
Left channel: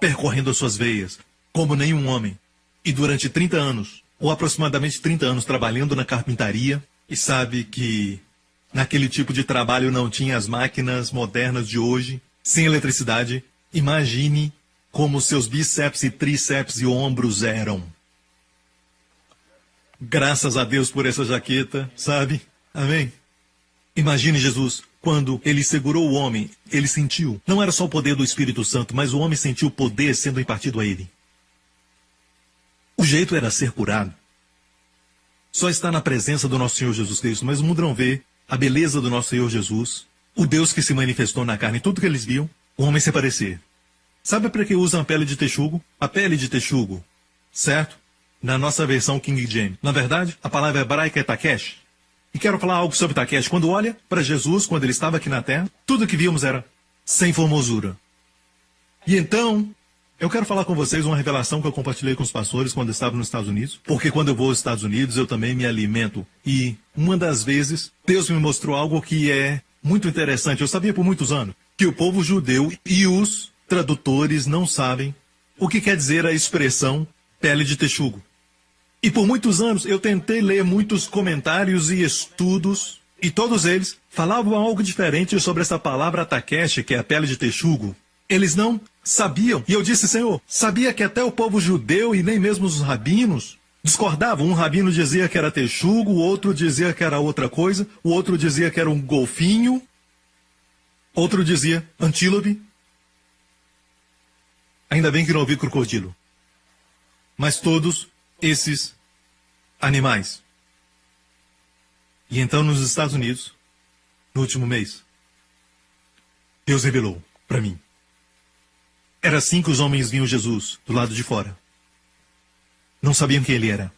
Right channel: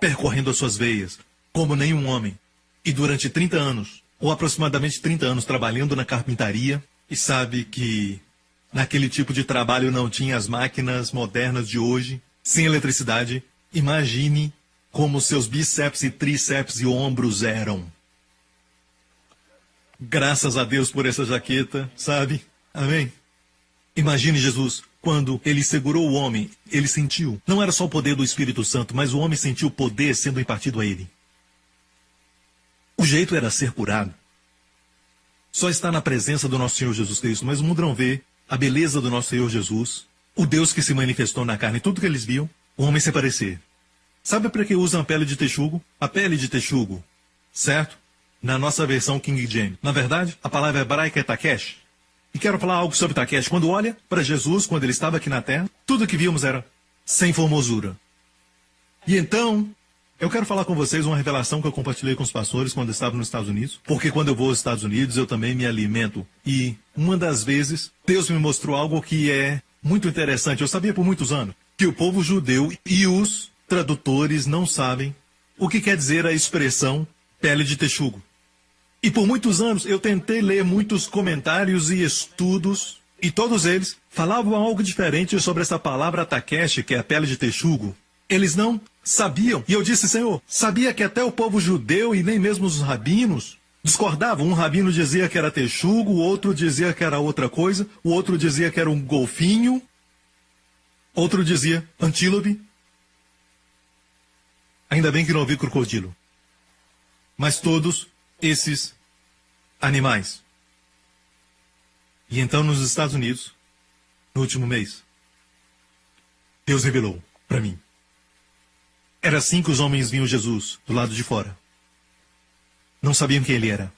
percorrendo as suas veias, como nenhum homem. E durante 30 anos, ou aproximadamente 30 anos, trabalhando na carpintaria, e sabe que naquele tipo de trabalho não tinha as máquinas modernas de hoje, sem eletricidade. Imagine como seus bíceps e tríceps e ombros eram. Graças a Deus por essa jaqueta, sabe? Amém? Imagine Jesus, quando ele segurou o homem, ele sentiu. Não era só o poder do Espírito Santo, mas o homem sentiu o poder sendo impartido a ele. O jeito era ser curado. Só está na presença do nosso Senhor Jesus Cristo, mas o mundo não vê a beleza do nosso Senhor Jesus, o Deus que se manifestou na carne. Tudo que eles viam, o homem se parecer. Sabe para que usam a pele de texugo? A pele de texugo, certo? Na nossa versão King James. Na verdade, a palavra hebraica é Takesh. E quero falar algo sobre Takesh. Quando olha para Jesus, quando ele estava aqui na terra, tudo que víamos era sem formosura. E então, eu quero falar com vocês uma revelação que eu compartilhei com os pastores quando eu estava nos Estados Unidos. Porque quando eu vou aos Estados Unidos, eu também me alimento. E uma das vezes, Deus me mostrou algo que é muito interessante. Eu sabia por muitos anos que o povo judeu e os tradutores não sabem o que quer dizer a expressão pele de texugo. E por muitos anos eu tentei ler muitos comentários e estudos, e todos eles falavam algo diferente sobre essa palavra takesh, que é a pele de texugo. Eles não sabiam. E eu disse, Senhor, sabia que até o povo judeu e nem mesmo os rabinos discordavam. Um rabino dizia que era texugo, o outro dizia que era outra coisa, o outro dizia que era um golfinho, outro dizia antílope. Ainda bem que não ouvi crocodilo. Mas todos esses animais. E então nos Estados Unidos, no último mês, Deus revelou para mim. Era assim que os homens viam Jesus do lado de fora. Não sabiam quem ele era.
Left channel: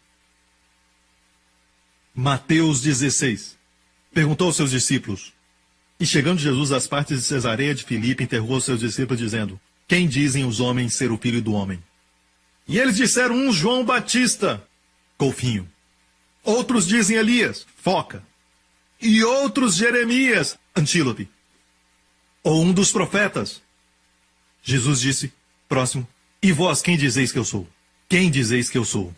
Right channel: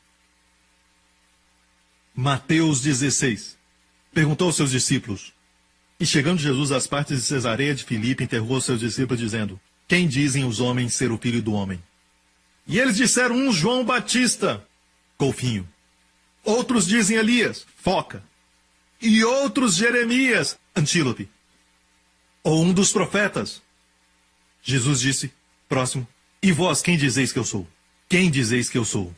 Mateus 16, perguntou aos seus discípulos. E chegando Jesus às partes de Cesareia de Filipe, interrogou os seus discípulos, dizendo: quem dizem os homens ser o filho do homem? E eles disseram: um João Batista, golfinho. Outros dizem Elias, foca. E outros Jeremias, antílope. Ou um dos profetas. Jesus disse, próximo: e vós, quem dizeis que eu sou? Quem dizeis que eu sou?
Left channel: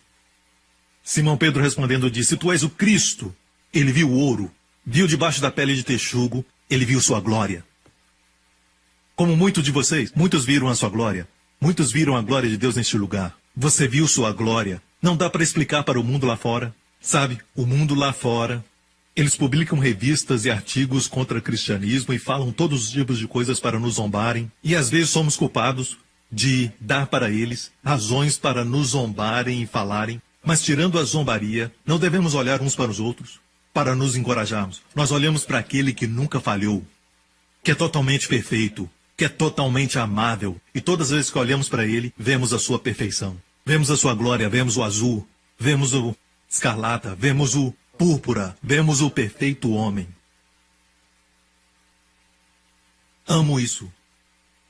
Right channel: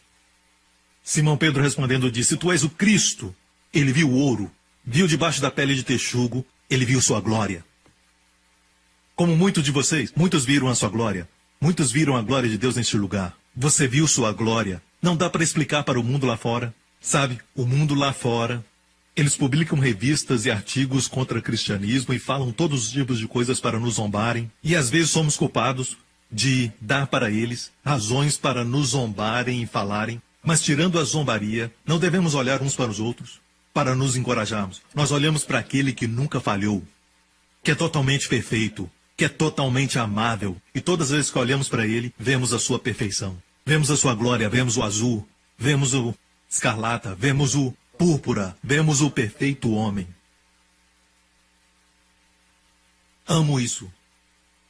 Simão Pedro respondendo disse: tu és o Cristo. Ele viu o ouro, viu debaixo da pele de texugo, ele viu sua glória. Como muitos de vocês, muitos viram a sua glória. Muitos viram a glória de Deus neste lugar. Você viu sua glória. Não dá para explicar para o mundo lá fora. Sabe, o mundo lá fora, eles publicam revistas e artigos contra o cristianismo e falam todos os tipos de coisas para nos zombarem. E às vezes somos culpados de dar para eles razões para nos zombarem e falarem. Mas tirando a zombaria, não devemos olhar uns para os outros para nos encorajarmos. Nós olhamos para aquele que nunca falhou, que é totalmente perfeito, que é totalmente amável. E todas as vezes que olhamos para ele, vemos a sua perfeição. Vemos a sua glória, vemos o azul, vemos o escarlata, vemos o púrpura, vemos o perfeito homem. Amo isso.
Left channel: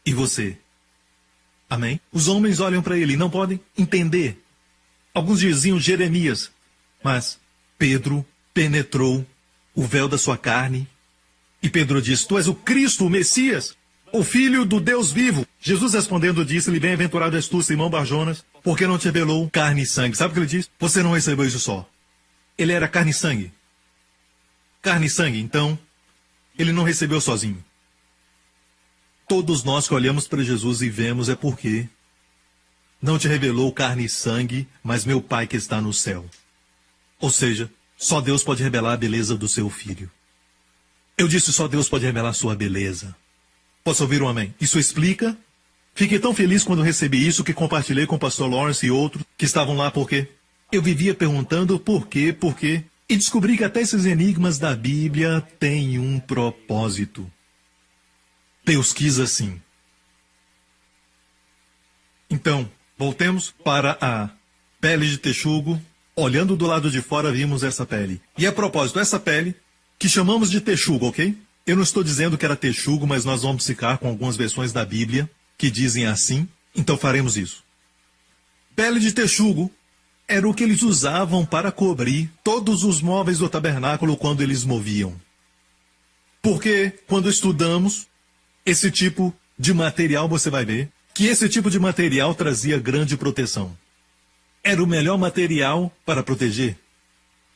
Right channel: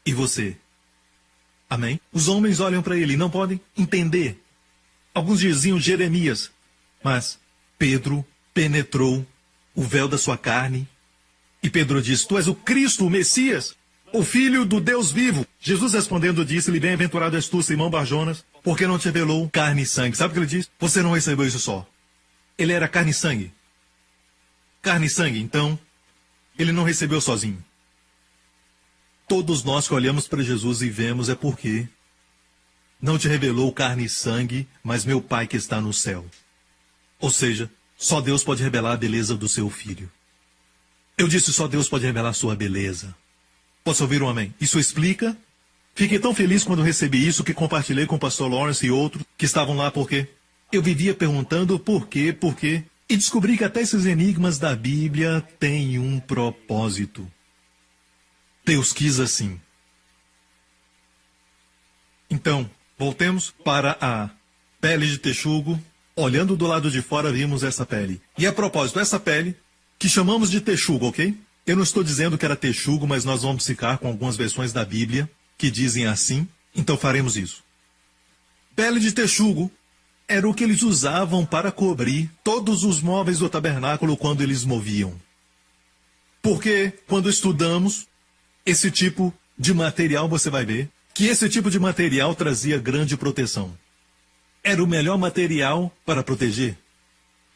E você? Amém? Os homens olham para ele e não podem entender. Alguns diziam Jeremias, mas Pedro penetrou o véu da sua carne. E Pedro disse: tu és o Cristo, o Messias, o Filho do Deus vivo. Jesus respondendo disse-lhe: bem-aventurado és tu, Simão Barjonas, porque não te revelou carne e sangue. Sabe o que ele diz? Você não recebeu isso só. Ele era carne e sangue. Carne e sangue, então, ele não recebeu sozinho. Todos nós que olhamos para Jesus e vemos é porque não te revelou carne e sangue, mas meu Pai que está no céu. Ou seja, só Deus pode revelar a beleza do seu filho. Eu disse: só Deus pode revelar a sua beleza. Posso ouvir um amém? Isso explica? Fiquei tão feliz quando recebi isso que compartilhei com o pastor Lawrence e outros que estavam lá porque eu vivia perguntando por quê, e descobri que até esses enigmas da Bíblia têm um propósito. Deus quis assim. Então, voltemos para a pele de texugo. Olhando do lado de fora, vimos essa pele. E a propósito, essa pele, que chamamos de texugo, ok? Eu não estou dizendo que era texugo, mas nós vamos ficar com algumas versões da Bíblia que dizem assim, então faremos isso. Pele de texugo era o que eles usavam para cobrir todos os móveis do tabernáculo quando eles moviam. Porque quando estudamos esse tipo de material, você vai ver que esse tipo de material trazia grande proteção. Era o melhor material para proteger.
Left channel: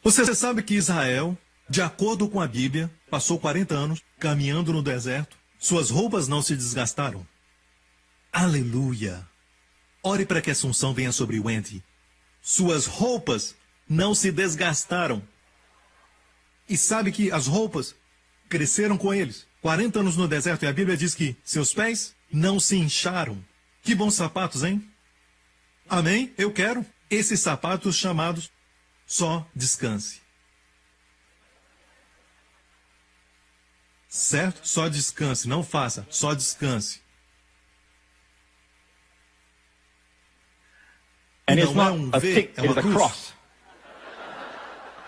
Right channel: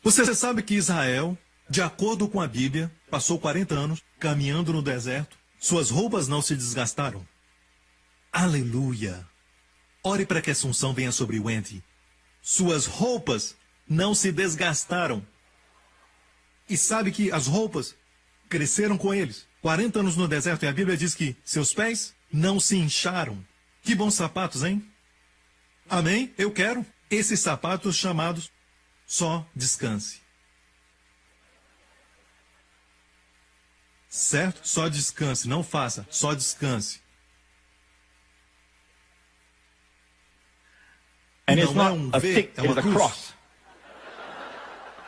Você sabe que Israel, de acordo com a Bíblia, passou 40 anos caminhando no deserto. Suas roupas não se desgastaram. Aleluia! Ore para que essa unção venha sobre o Wendy. Suas roupas não se desgastaram. E sabe que as roupas cresceram com eles. 40 anos no deserto, e a Bíblia diz que seus pés não se incharam. Que bons sapatos, hein? Amém? Eu quero esses sapatos chamados Só Descanse. Certo? Só descanse, não faça, só descanse. And it's Não é not um a V, stick, é uma it's a cruz. cross.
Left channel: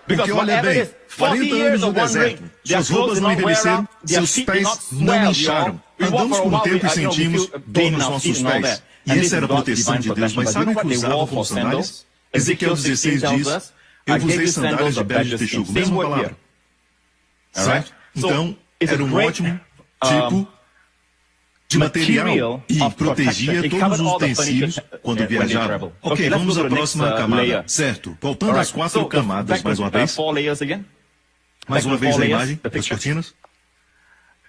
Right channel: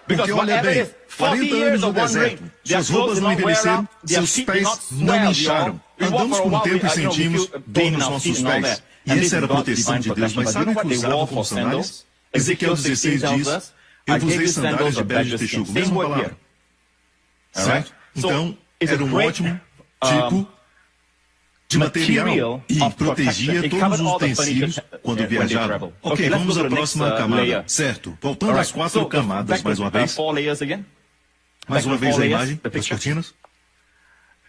Porque olha bem, 40 anos no deserto, suas roupas não envelheceram, seus pés não incharam. Andamos por um tempo e sentimos dor nos nossos pés. E essa era a proteção de Deus. Mas sabe o que usavam como sandálias? Ezequiel 16 diz: eu vos dei sandálias de pele de texugo. Mesma palavra. Certo? Então, era um ótimo tipo de material e protegia todos os utensílios quando viajavam. Ok, vamos à próxima camada. Certo, voltando às 4 camadas mais uma vez. Mais uma vez a imagem das cortinas.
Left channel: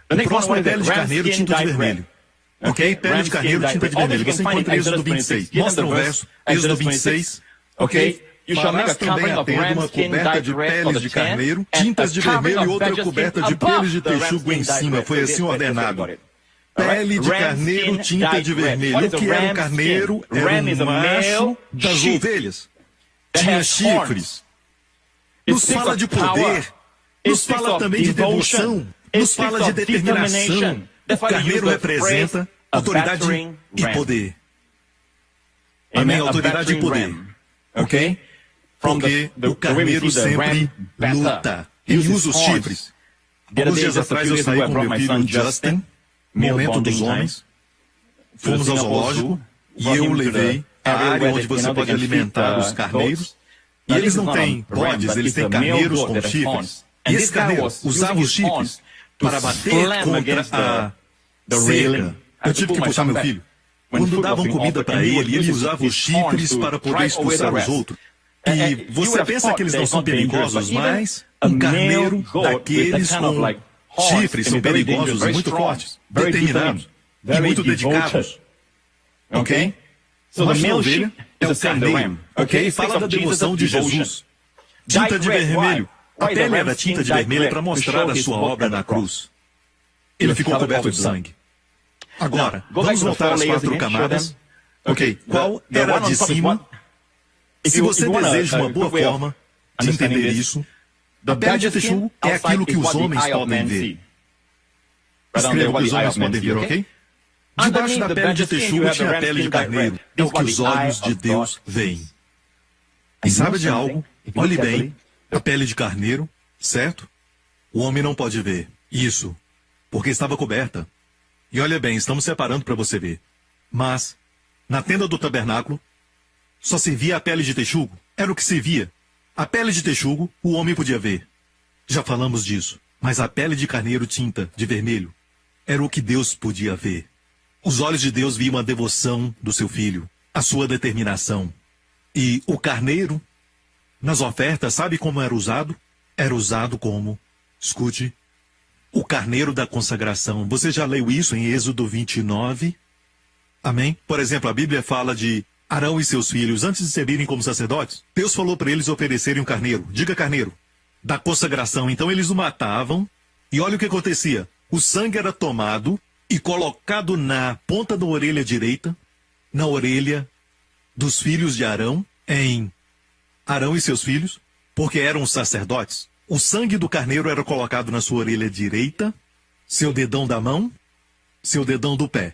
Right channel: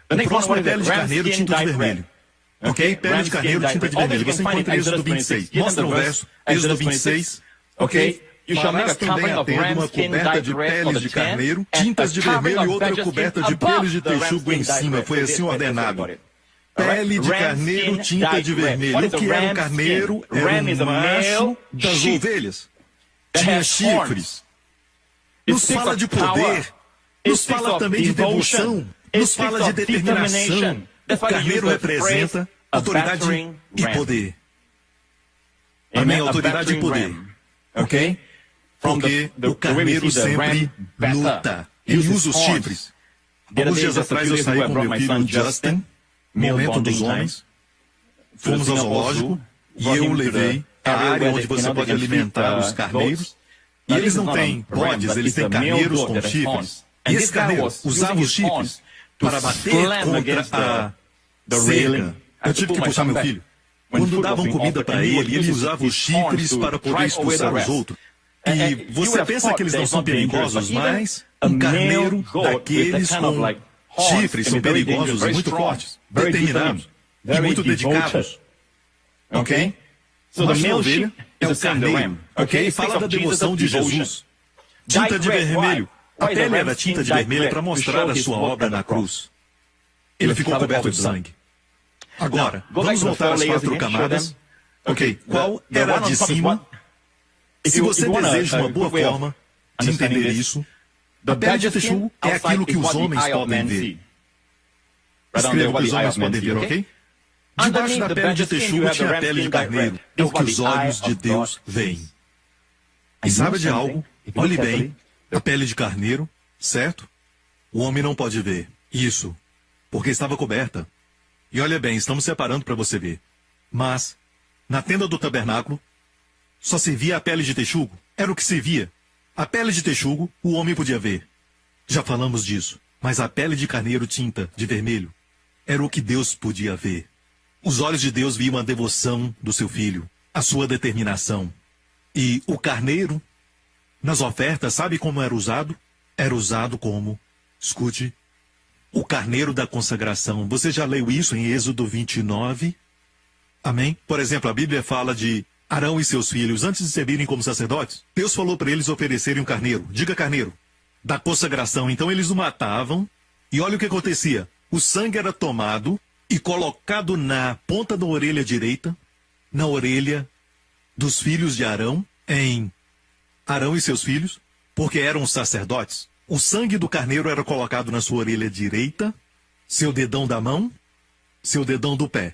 O próximo é pele de carneiro tinta de vermelho. Ok? Pele de carneiro tinta de vermelho. Você encontra Êxodo 26. Mostra o verso, Êxodo 26. Ok? Farás também a tenda uma coberta de peles de carneiro, tintas de vermelho e outra coberta de peles de texugo em cima. Foi assim ordenado. Pele de carneiro, tinta de vermelho. O que era um carneiro? Era um macho das ovelhas. Tinha chifres. Nos fala de poder. Nos fala também de devoção. Nos fala de determinação. O carneiro representa autoridade e poder. Amém? Autoridade e poder. Ok? Porque o carneiro sempre luta. Ele usa os chifres. Alguns dias atrás eu saí com meu filho Justin, Momento dos Homens. Fomos ao zoológico e eu o levei à área onde você pode alimentar os carneiros. E eles não têm bodes, eles têm carneiros com chifres. E esse carneiro usava os chifres para bater contra a cerca. Eu tive que puxar meu filho. Quando davam comida para ele usava os chifres para poder expulsar os outros. E você pensa que eles não são perigosos, mas um carneiro daqueles com chifres são perigosos, muito fortes, determinados e muito dedicados. Ok? Uma ovelha é o carneiro. Ok? Fala da devoção de Jesus. Tinta de vermelho. A pele era tinta de vermelho para mostrar a sua obra na cruz. Ele ficou coberto de sangue. Agora, vamos voltar às 4 camadas. Ok, qual era a de cima? E se você deseja uma boa forma de entender isso, a pele de texugo é aquilo que os homens podem ver. Escreva o que os homens podem ver, ok? Debaixo da pele de texugo tinha a pele de carneiro. É o que os olhos de Deus veem. E sabe de algo? Olhe bem, a pele de carneiro, certo? O homem não pode ver isso, porque estava coberta. E olha bem, estamos separando para você ver. Mas, na tenda do tabernáculo, só se via a pele de texugo. Era o que se via. A pele de texugo, o homem podia ver. Já falamos disso. Mas a pele de carneiro tinta de vermelho era o que Deus podia ver. Os olhos de Deus viam a devoção do seu filho, a sua determinação. E o carneiro, nas ofertas, sabe como era usado? Era usado como, escute, o carneiro da consagração. Você já leu isso em Êxodo 29? Amém? Por exemplo, a Bíblia fala de Arão e seus filhos, antes de servirem como sacerdotes, Deus falou para eles oferecerem um carneiro. Diga carneiro. Da consagração. Então eles o matavam. E olha o que acontecia. O sangue era tomado e colocado na ponta da orelha direita, na orelha dos filhos de Arão, em Arão e seus filhos, porque eram sacerdotes. O sangue do carneiro era colocado na sua orelha direita, seu dedão da mão, seu dedão do pé.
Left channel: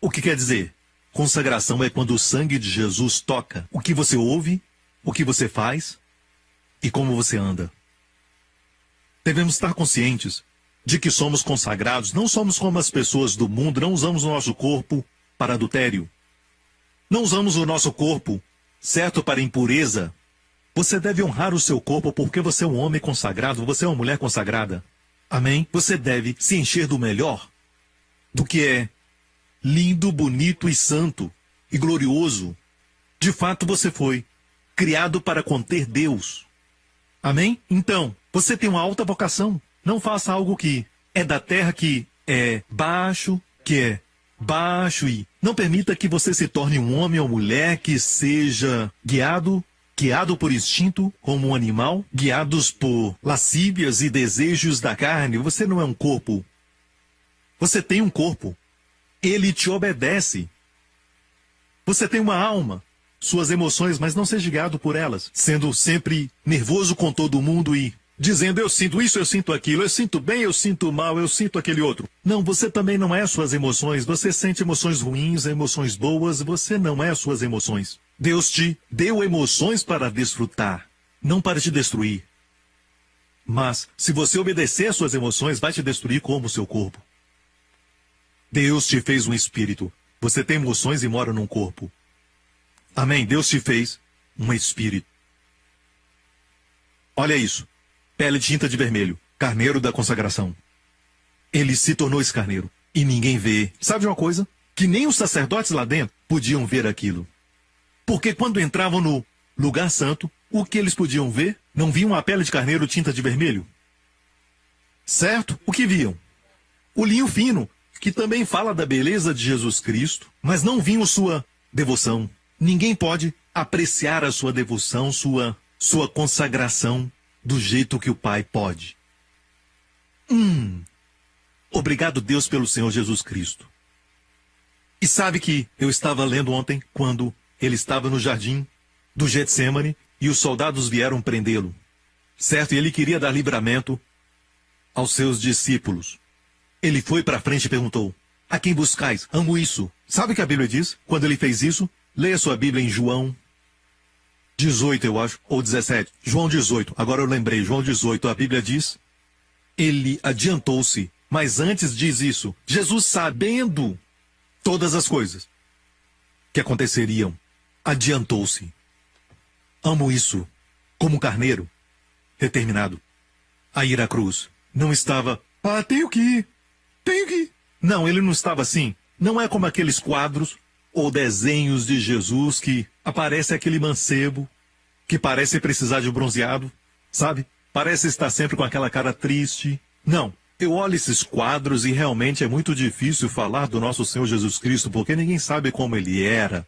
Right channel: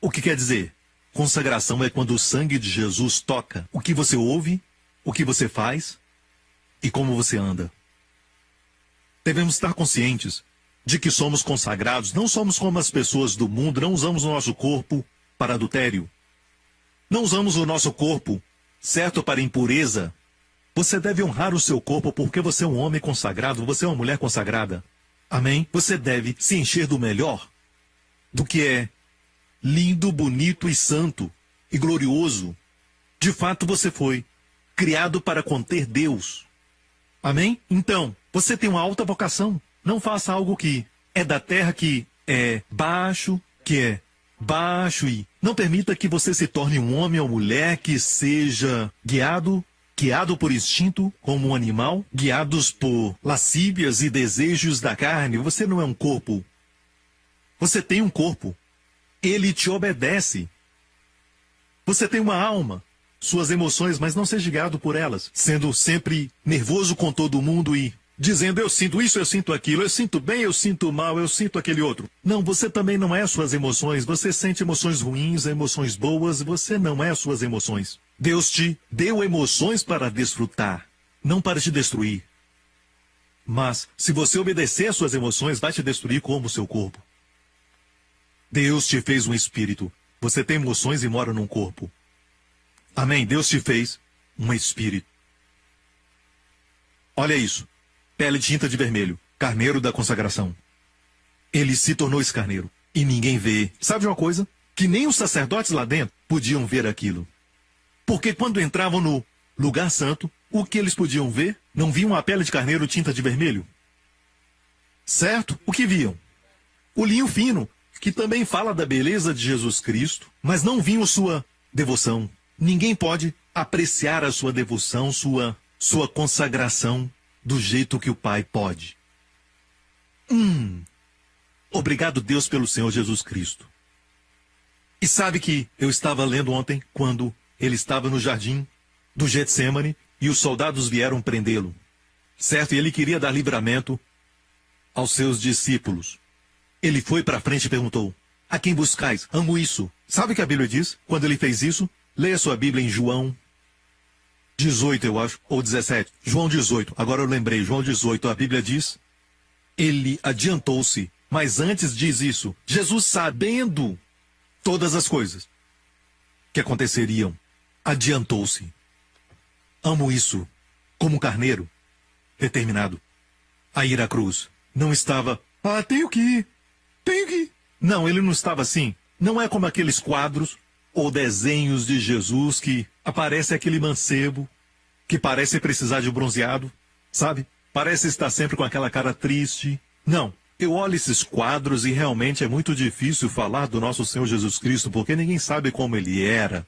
O que quer dizer? Consagração é quando o sangue de Jesus toca o que você ouve, o que você faz e como você anda. Devemos estar conscientes de que somos consagrados, não somos como as pessoas do mundo, não usamos o nosso corpo para adultério. Não usamos o nosso corpo, certo, para impureza. Você deve honrar o seu corpo porque você é um homem consagrado, você é uma mulher consagrada. Amém? Você deve se encher do melhor, do que é lindo, bonito e santo e glorioso. De fato, você foi criado para conter Deus. Amém? Então, você tem uma alta vocação. Não faça algo que é da terra, que é baixo e não permita que você se torne um homem ou mulher que seja guiado por instinto como um animal, guiados por lascívias e desejos da carne. Você não é um corpo. Você tem um corpo. Ele te obedece. Você tem uma alma, suas emoções, mas não seja guiado por elas, sendo sempre nervoso com todo mundo e dizendo, eu sinto isso, eu sinto aquilo, eu sinto bem, eu sinto mal, eu sinto aquele outro. Não, você também não é suas emoções. Você sente emoções ruins, emoções boas, você não é suas emoções. Deus te deu emoções para desfrutar, não para te destruir. Mas, se você obedecer às suas emoções, vai te destruir como o seu corpo. Deus te fez um espírito. Você tem emoções e mora num corpo. Amém? Deus te fez um espírito. Olha isso. Pele tinta de vermelho. Carneiro da consagração. Ele se tornou esse carneiro. E ninguém vê. Sabe de uma coisa? Que nem os sacerdotes lá dentro podiam ver aquilo. Porque quando entravam no lugar santo, o que eles podiam ver? Não viam a pele de carneiro tinta de vermelho? Certo? O que viam? O linho fino, que também fala da beleza de Jesus Cristo, mas não viam sua devoção. Ninguém pode apreciar a sua devoção, sua consagração do jeito que o Pai pode. Obrigado, Deus, pelo Senhor Jesus Cristo. E sabe que eu estava lendo ontem, quando ele estava no jardim do Getsêmani e os soldados vieram prendê-lo. Certo? E ele queria dar livramento aos seus discípulos. Ele foi para frente e perguntou, a quem buscais? Amo isso. Sabe o que a Bíblia diz? Quando ele fez isso, leia sua Bíblia em João 18, eu acho, ou 17. João 18, agora eu lembrei, João 18, a Bíblia diz Ele adiantou-se, mas antes diz isso, Jesus, sabendo todas as coisas que aconteceriam, adiantou-se. Amo isso, como carneiro, determinado a ir à cruz. Não estava, tenho que ir. Não, ele não estava assim. Não é como aqueles quadros ou desenhos de Jesus que aparece aquele mancebo que parece precisar de um bronzeado, sabe? Parece estar sempre com aquela cara triste. Não, eu olho esses quadros e realmente é muito difícil falar do nosso Senhor Jesus Cristo, porque ninguém sabe como ele era.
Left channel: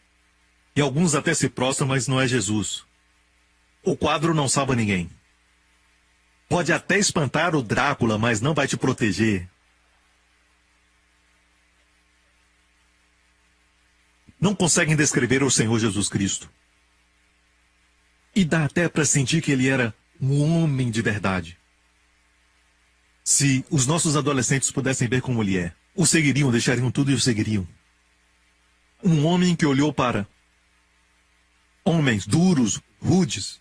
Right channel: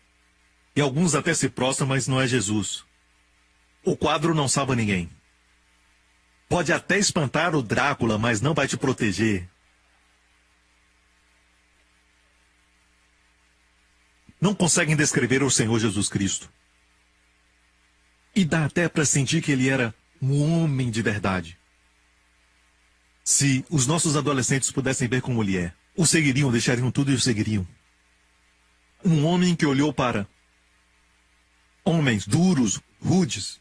E alguns até se prostram, mas não é Jesus. O quadro não salva ninguém. Pode até espantar o Drácula, mas não vai te proteger. Não conseguem descrever o Senhor Jesus Cristo. E dá até para sentir que ele era um homem de verdade. Se os nossos adolescentes pudessem ver como ele é, o seguiriam, deixariam tudo e o seguiriam. Um homem que olhou para homens duros, rudes,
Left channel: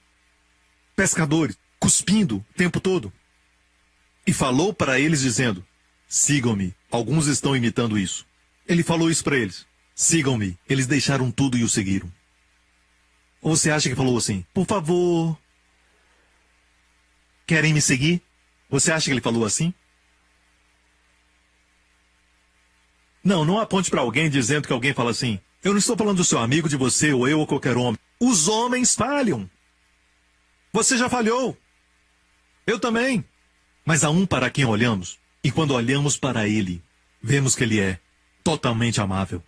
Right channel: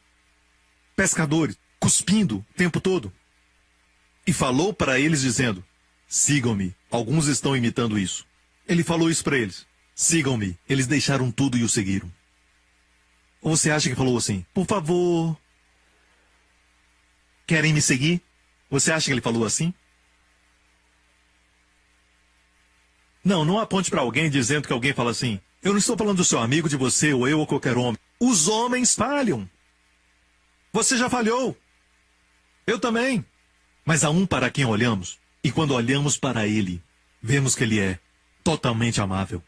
pescadores, cuspindo o tempo todo, e falou para eles dizendo, sigam-me. Alguns estão imitando isso. Ele falou isso para eles. Sigam-me. Eles deixaram tudo e o seguiram. Ou você acha que falou assim, por favor, querem me seguir? Você acha que ele falou assim? Não, não aponte para alguém dizendo que alguém fala assim, eu não estou falando do seu amigo, de você, ou eu, ou qualquer homem. Os homens falham. Você já falhou. Eu também. Mas há um para quem olhamos, e quando olhamos para ele, vemos que ele é totalmente amável.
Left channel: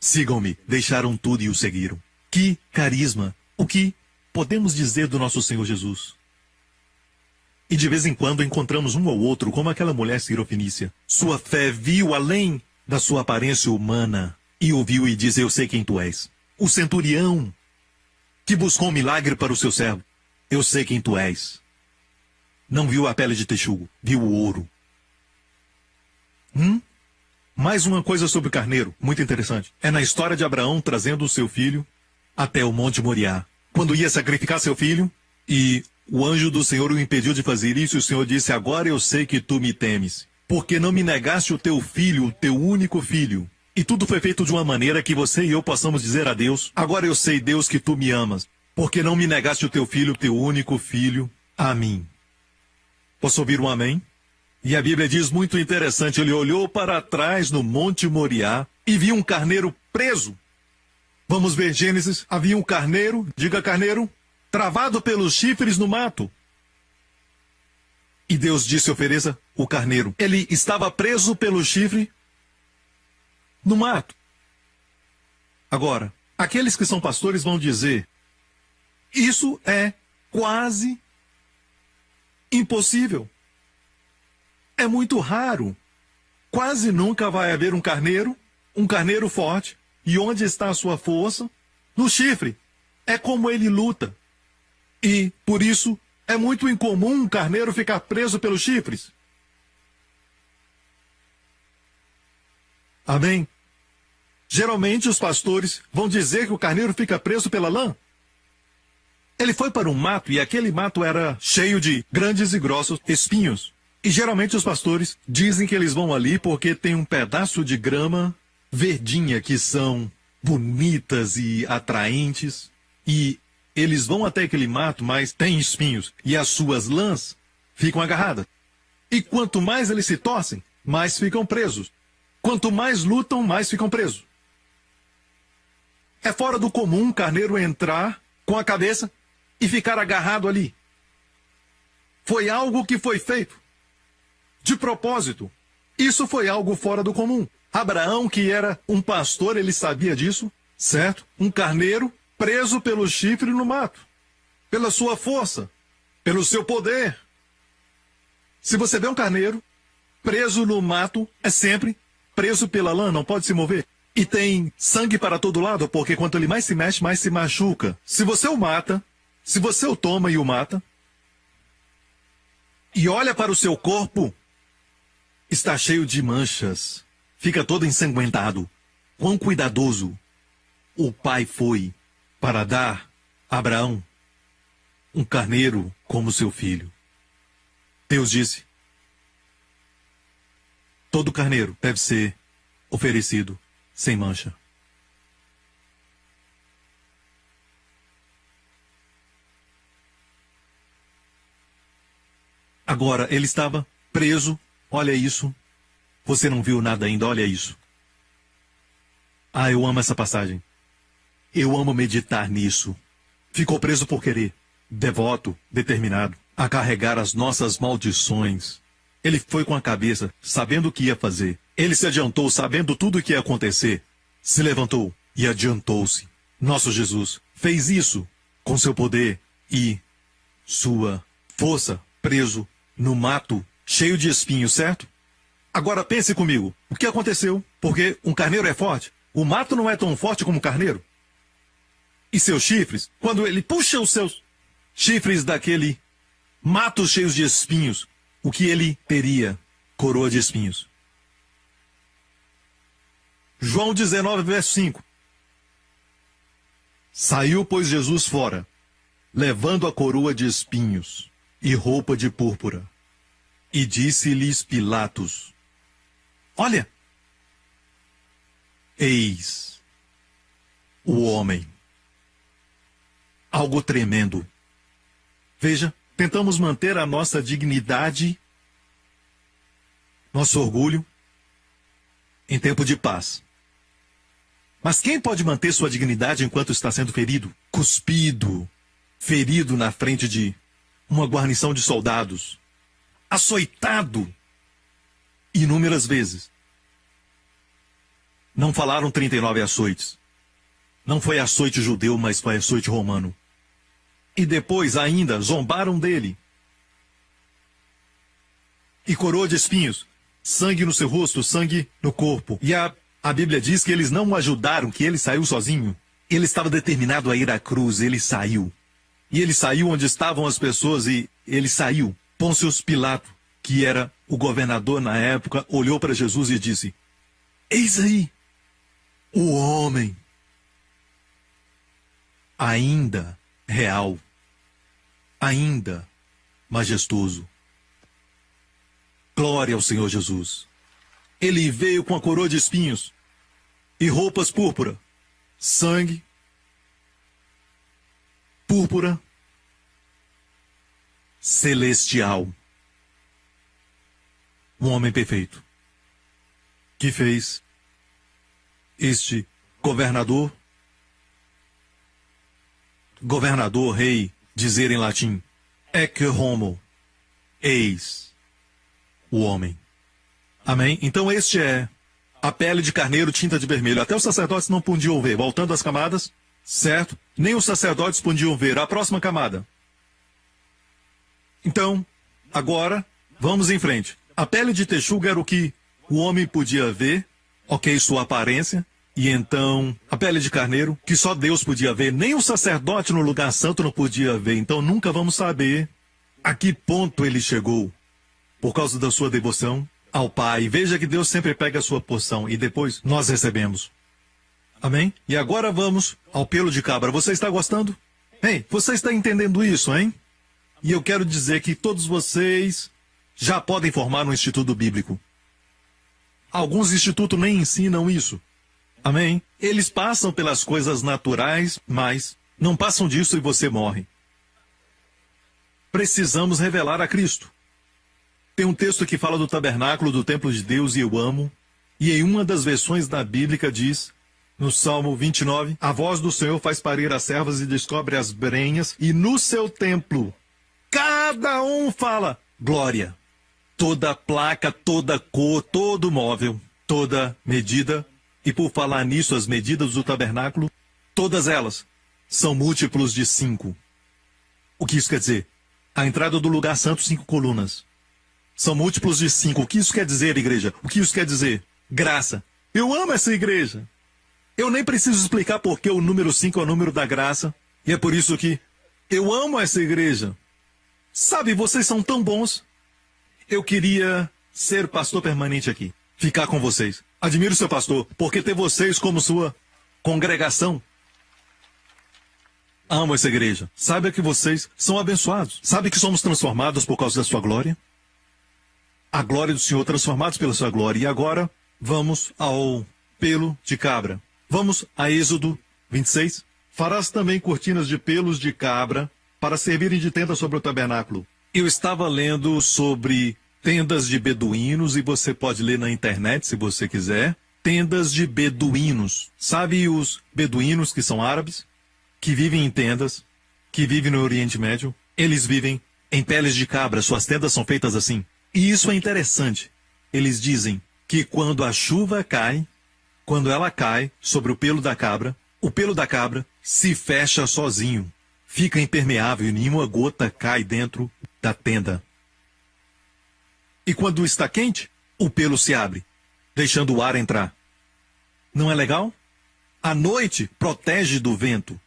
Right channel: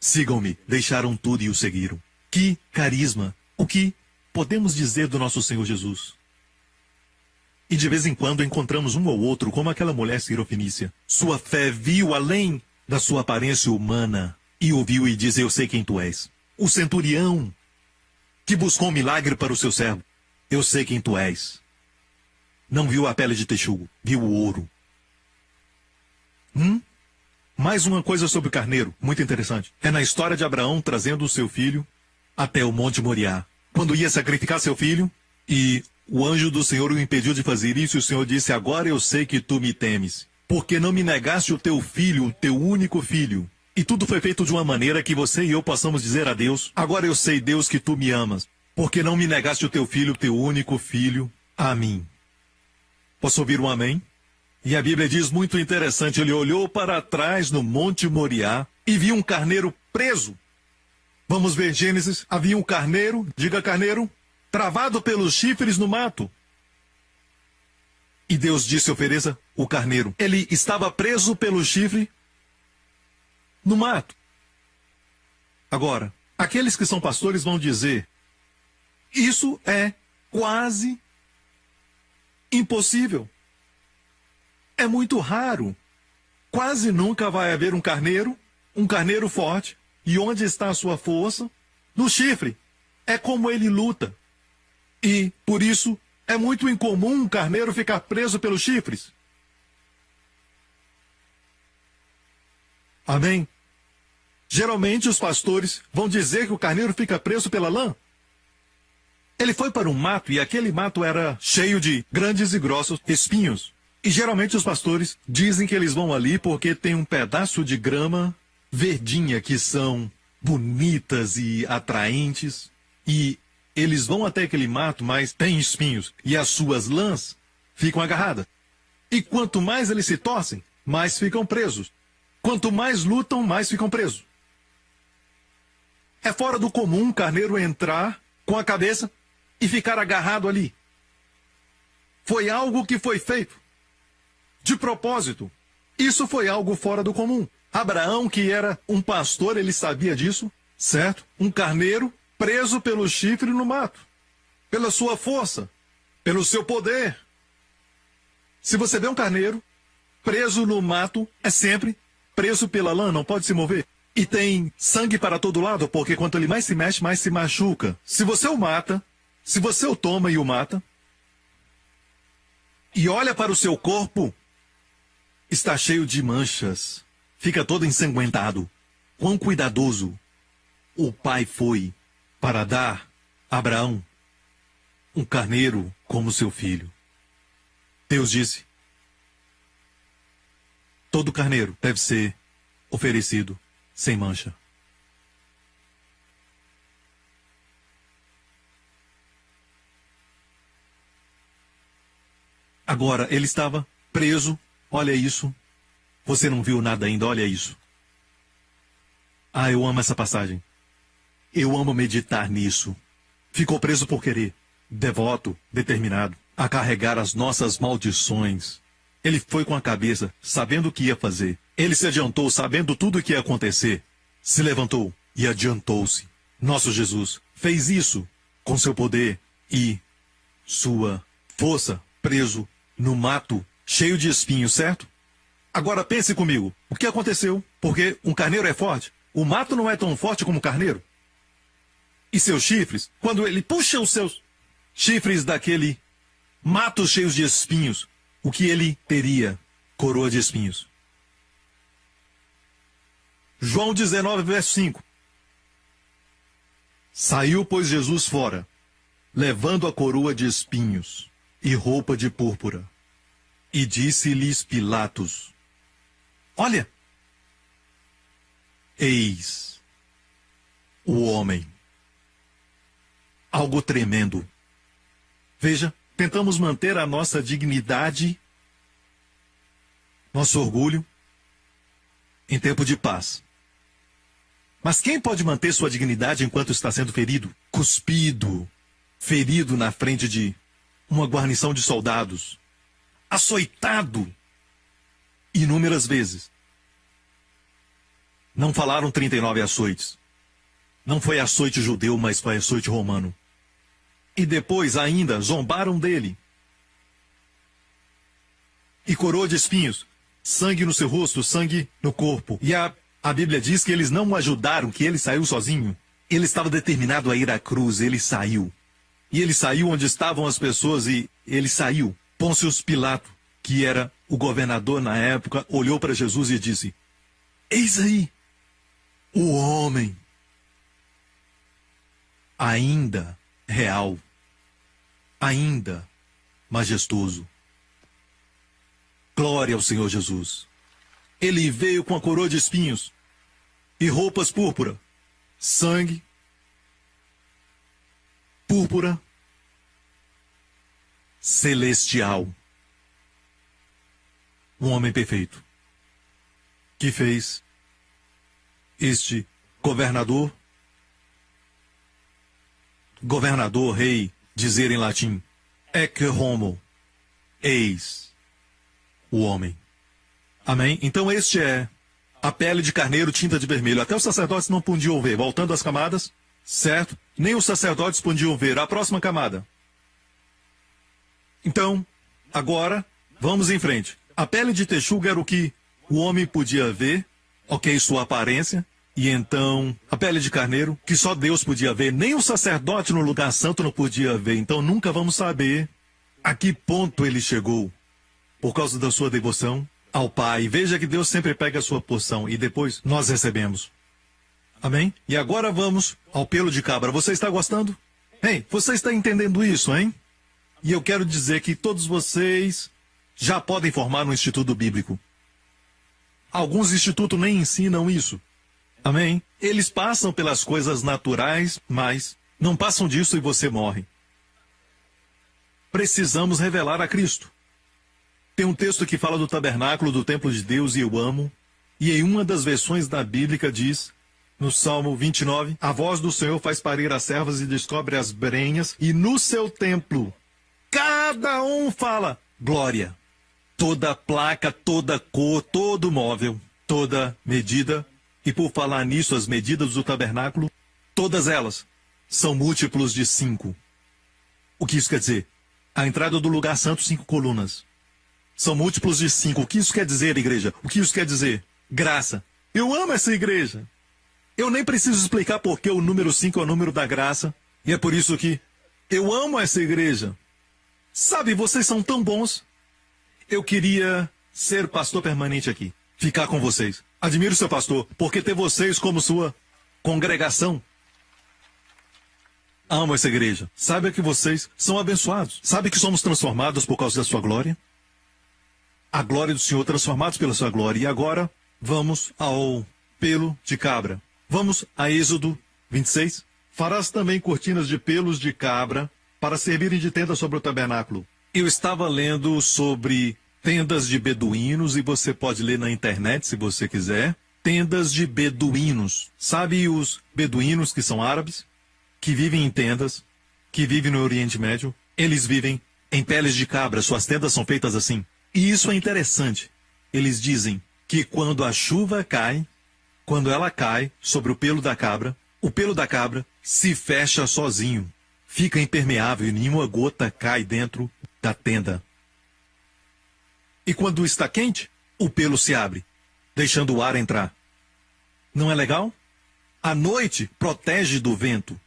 Sigam-me, deixaram tudo e o seguiram. Que carisma! O que podemos dizer do nosso Senhor Jesus? E de vez em quando encontramos um ou outro, como aquela mulher sirofenícia. Sua fé viu além da sua aparência humana, e ouviu e disse, eu sei quem tu és. O centurião, que buscou um milagre para o seu servo. Eu sei quem tu és. Não viu a pele de texugo, viu o ouro. Mais uma coisa sobre o carneiro, muito interessante. É na história de Abraão trazendo o seu filho até o Monte Moriá. Quando ia sacrificar seu filho, e o anjo do Senhor o impediu de fazer isso, e o Senhor disse, agora eu sei que tu me temes, porque não me negaste o teu filho, o teu único filho. E tudo foi feito de uma maneira que você e eu possamos dizer a Deus, agora eu sei, Deus, que tu me amas, porque não me negaste o teu filho, o teu único filho, a mim. Posso ouvir um amém? E a Bíblia diz muito interessante, ele olhou para trás no Monte Moriá e viu um carneiro preso. Vamos ver Gênesis, havia um carneiro, diga carneiro, travado pelos chifres no mato. E Deus disse, ofereça o carneiro. Ele estava preso pelo chifre no mato. Agora, aqueles que são pastores vão dizer, isso é quase impossível. É muito raro. Quase nunca vai haver um carneiro forte. E onde está a sua força? No chifre. É como ele luta. E, por isso, é muito incomum um carneiro ficar preso pelos chifres. Amém? Geralmente os pastores vão dizer que o carneiro fica preso pela lã. Ele foi para um mato e aquele mato era cheio de grandes e grossos espinhos. E geralmente os pastores dizem que eles vão ali porque tem um pedaço de grama verdinha que são bonitas e atraentes. E eles vão até aquele mato, mas tem espinhos. E as suas lãs ficam agarradas. E quanto mais eles se torcem, mais ficam presos. Quanto mais lutam, mais ficam presos. É fora do comum um carneiro entrar com a cabeça e ficar agarrado ali. Foi algo que foi feito de propósito. Isso foi algo fora do comum. Abraão, que era um pastor, ele sabia disso, certo? Um carneiro preso pelo chifre no mato, pela sua força, pelo seu poder. Se você vê um carneiro preso no mato, é sempre preso pela lã, não pode se mover. E tem sangue para todo lado, porque quanto ele mais se mexe, mais se machuca. Se você o mata, se você o toma e o mata, e olha para o seu corpo, está cheio de manchas, fica todo ensanguentado. Quão cuidadoso o pai foi para dar a Abraão um carneiro como seu filho. Deus disse: todo carneiro deve ser oferecido sem mancha. Agora, ele estava preso. Olha isso. Você não viu nada ainda, olha isso. Ah, eu amo essa passagem. Eu amo meditar nisso. Ficou preso por querer, devoto, determinado, a carregar as nossas maldições. Ele foi com a cabeça, sabendo o que ia fazer. Ele se adiantou, sabendo tudo o que ia acontecer. Se levantou e adiantou-se. Nosso Jesus fez isso com seu poder e sua força, preso no mato, cheio de espinhos, certo? Agora pense comigo, o que aconteceu? Porque um carneiro é forte, o mato não é tão forte como o carneiro. E seus chifres, quando ele puxa os seus chifres daquele mato cheio de espinhos, o que ele teria? Coroa de espinhos. João 19, verso 5. Saiu, pois, Jesus fora, levando a coroa de espinhos e roupa de púrpura. E disse-lhes Pilatos: olha, eis o homem. Algo tremendo. Veja, tentamos manter a nossa dignidade, nosso orgulho, em tempo de paz. Mas quem pode manter sua dignidade enquanto está sendo ferido, cuspido, ferido na frente de uma guarnição de soldados, açoitado inúmeras vezes? Não falaram 39 açoites. Não foi açoite judeu, mas foi açoite romano. E depois ainda zombaram dele. E coroa de espinhos, sangue no seu rosto, sangue no corpo. E a Bíblia diz que eles não o ajudaram, que ele saiu sozinho. Ele estava determinado a ir à cruz, ele saiu. E ele saiu onde estavam as pessoas e ele saiu. Pôncio Pilato, que era o governador na época, olhou para Jesus e disse: eis aí o homem. Ainda real, ainda majestoso. Glória ao Senhor Jesus. Ele veio com a coroa de espinhos e roupas púrpura, sangue, púrpura, celestial. Um homem perfeito, que fez este governador, rei, dizer em latim, ecce homo, eis o homem. Amém? Então este é a pele de carneiro, tinta de vermelho. Até os sacerdotes não podiam ver. Voltando às camadas, certo? Nem os sacerdotes podiam ver. A próxima camada. Então, agora, vamos em frente. A pele de texuga era o que o homem podia ver, ok, sua aparência. E então, a pele de carneiro, que só Deus podia ver, nem o sacerdote no lugar santo não podia ver. Então nunca vamos saber a que ponto ele chegou, por causa da sua devoção ao Pai. Veja que Deus sempre pega a sua porção e depois nós recebemos. Amém? E agora vamos ao pelo de cabra. Você está gostando? Ei, você está entendendo isso, hein? E eu quero dizer que todos vocês já podem formar no Instituto Bíblico. Alguns institutos nem ensinam isso. Amém? Eles passam pelas coisas naturais, mas não passam disso e você morre. Precisamos revelar a Cristo. Tem um texto que fala do tabernáculo, do templo de Deus, e eu amo. E em uma das versões da Bíblia diz, no Salmo 29, a voz do Senhor faz parir as servas e descobre as brenhas, e no seu templo, cada um fala, glória. Toda placa, toda cor, todo móvel, toda medida. E por falar nisso, as medidas do tabernáculo, todas elas são múltiplos de 5. O que isso quer dizer? A entrada do lugar santo, 5 colunas. São múltiplos de 5. O que isso quer dizer, igreja? O que isso quer dizer? Graça. Eu amo essa igreja. Eu nem preciso explicar porque o número 5 é o número da graça. E é por isso que eu amo essa igreja. Sabe, vocês são tão bons. Eu queria ser pastor permanente aqui. Ficar com vocês. Admiro seu pastor, porque ter vocês como sua congregação. Amo essa igreja. Sabe que vocês são abençoados. Sabe que somos transformados por causa da sua glória. a glória do Senhor, transformados pela sua glória. E agora, vamos ao pelo de cabra. Vamos a Êxodo 26. Farás também cortinas de pelos de cabra para servirem de tenda sobre o tabernáculo. Eu estava lendo sobre tendas de beduínos, e você pode ler na internet se você quiser. Tendas de beduínos. Sabe os beduínos que são árabes? Que vivem em tendas, que vivem no Oriente Médio? Eles vivem em peles de cabra, suas tendas são feitas assim. E isso é interessante. Eles dizem que quando a chuva cai, quando ela cai sobre o pelo da cabra se fecha sozinho. Fica impermeável e nenhuma gota cai dentro da tenda. E quando está quente, o pelo se abre, deixando o ar entrar. Não é legal? À noite, protege do vento.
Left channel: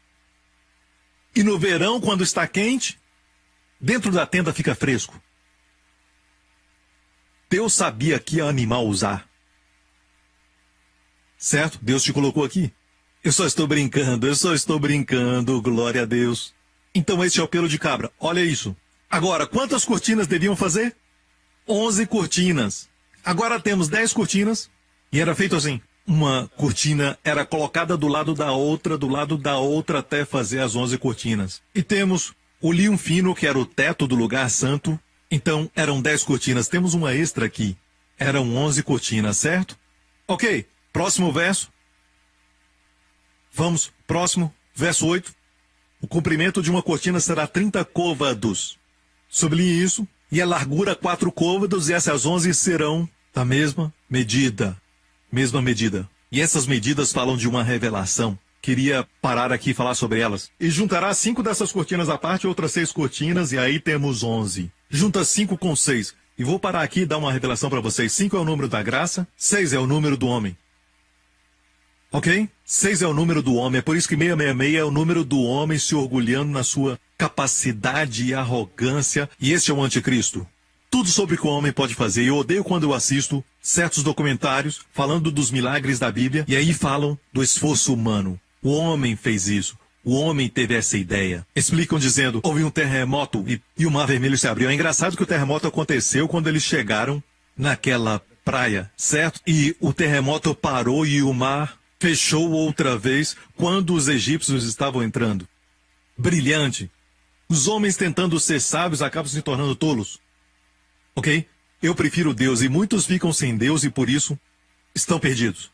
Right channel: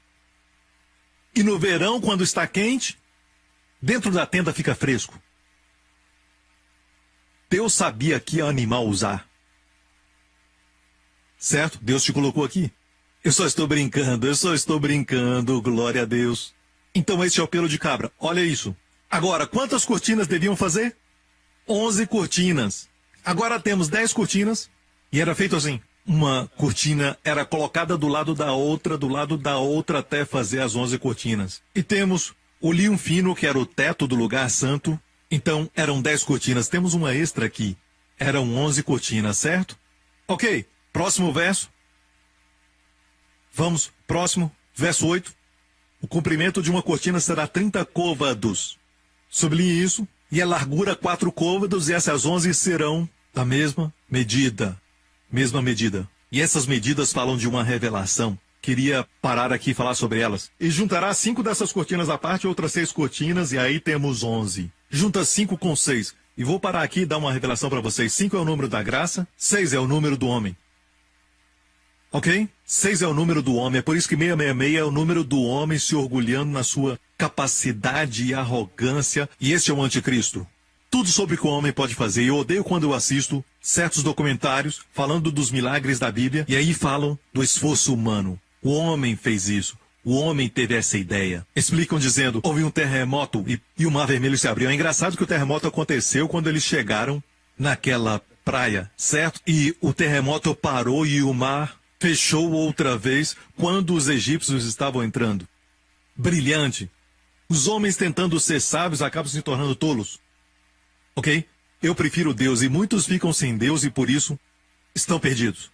E no verão, quando está quente, dentro da tenda fica fresco. Deus sabia que animal usar. Certo? Deus te colocou aqui. Eu só estou brincando, glória a Deus. Então esse é o pelo de cabra, olha isso. Agora, quantas cortinas deviam fazer? 11 cortinas. Agora temos 10 cortinas, e era feito assim. Uma cortina era colocada do lado da outra, até fazer as 11 cortinas. E temos o linho fino, que era o teto do lugar santo. Então, eram 10 cortinas. Temos uma extra aqui. Eram 11 cortinas, certo? Ok, próximo verso. Vamos, próximo, verso 8. O comprimento de uma cortina será 30 côvados. Sublinhe isso. E a largura 4 côvados, e essas 11 serão a mesma medida. Mesma medida. E essas medidas falam de uma revelação. Queria parar aqui e falar sobre elas. E juntará 5 dessas cortinas à parte, outras 6 cortinas, e aí temos 11. Junta 5 com 6. E vou parar aqui e dar uma revelação para vocês. 5 é o número da graça, 6 é o número do homem. Ok? 6 é o número do homem. É por isso que 666 é o número do homem se orgulhando na sua capacidade e arrogância. E esse é o anticristo. Tudo sobre o que o homem pode fazer. Eu odeio quando eu assisto certos documentários falando dos milagres da Bíblia. E aí falam do esforço humano. O homem fez isso. O homem teve essa ideia. Explicam dizendo, houve um terremoto e o Mar Vermelho se abriu. É engraçado que o terremoto aconteceu quando eles chegaram naquela praia, certo? E o terremoto parou e o mar fechou outra vez quando os egípcios estavam entrando. Brilhante. Os homens tentando ser sábios acabam se tornando tolos. Ok? Eu prefiro Deus e muitos ficam sem Deus e por isso estão perdidos.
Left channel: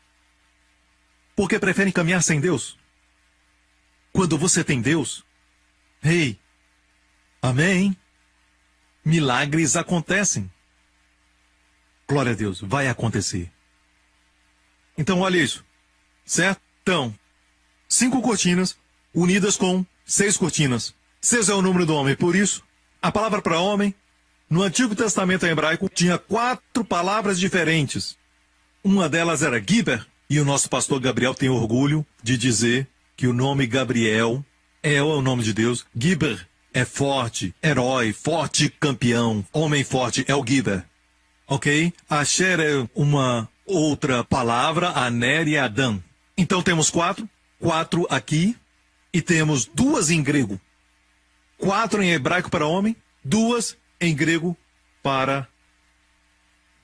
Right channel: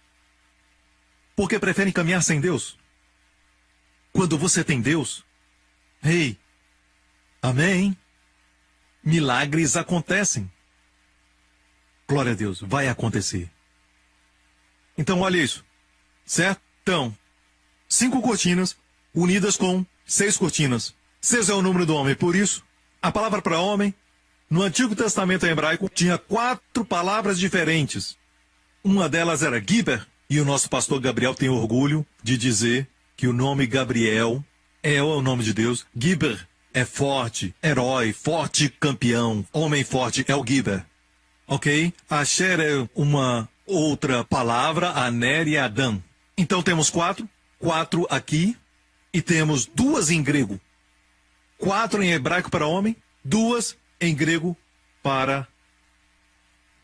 Porque preferem caminhar sem Deus. Quando você tem Deus, hey, amém, milagres acontecem. Glória a Deus, vai acontecer. Então olha isso. Certo? Então, 5 cortinas unidas com 6 cortinas. 6 é o número do homem. Por isso, a palavra para homem, no Antigo Testamento hebraico, tinha 4 palavras diferentes. Uma delas era Giber, e o nosso pastor Gabriel tem orgulho de dizer que o nome Gabriel é o nome de Deus. Giber é forte, herói, forte campeão, homem forte é o Giber. Ok? Asher é uma outra palavra, Aner e Adão. Então temos 4 aqui, e temos 2 em grego. 4 em hebraico para homem, 2 em grego para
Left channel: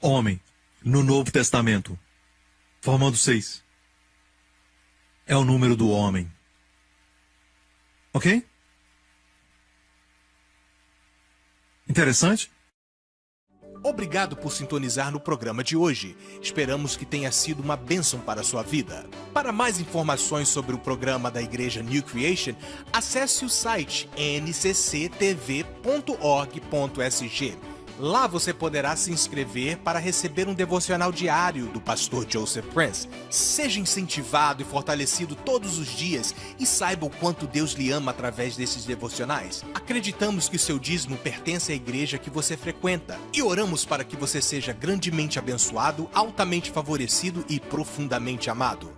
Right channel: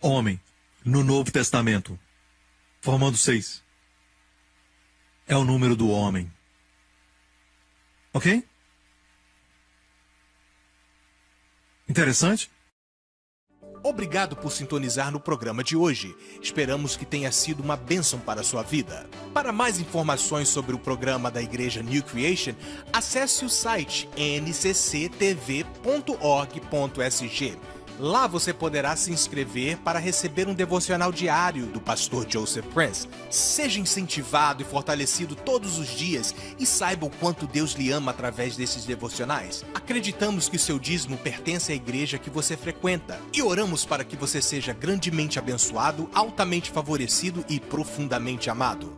homem, no Novo Testamento, formando 6. É o número do homem. Ok? Interessante? Obrigado por sintonizar no programa de hoje. Esperamos que tenha sido uma bênção para a sua vida. Para mais informações sobre o programa da Igreja New Creation, acesse o site ncctv.org.sg. Lá você poderá se inscrever para receber um devocional diário do pastor Joseph Prince. Seja incentivado e fortalecido todos os dias e saiba o quanto Deus lhe ama através desses devocionais. Acreditamos que seu dízimo pertence à igreja que você frequenta e oramos para que você seja grandemente abençoado, altamente favorecido e profundamente amado.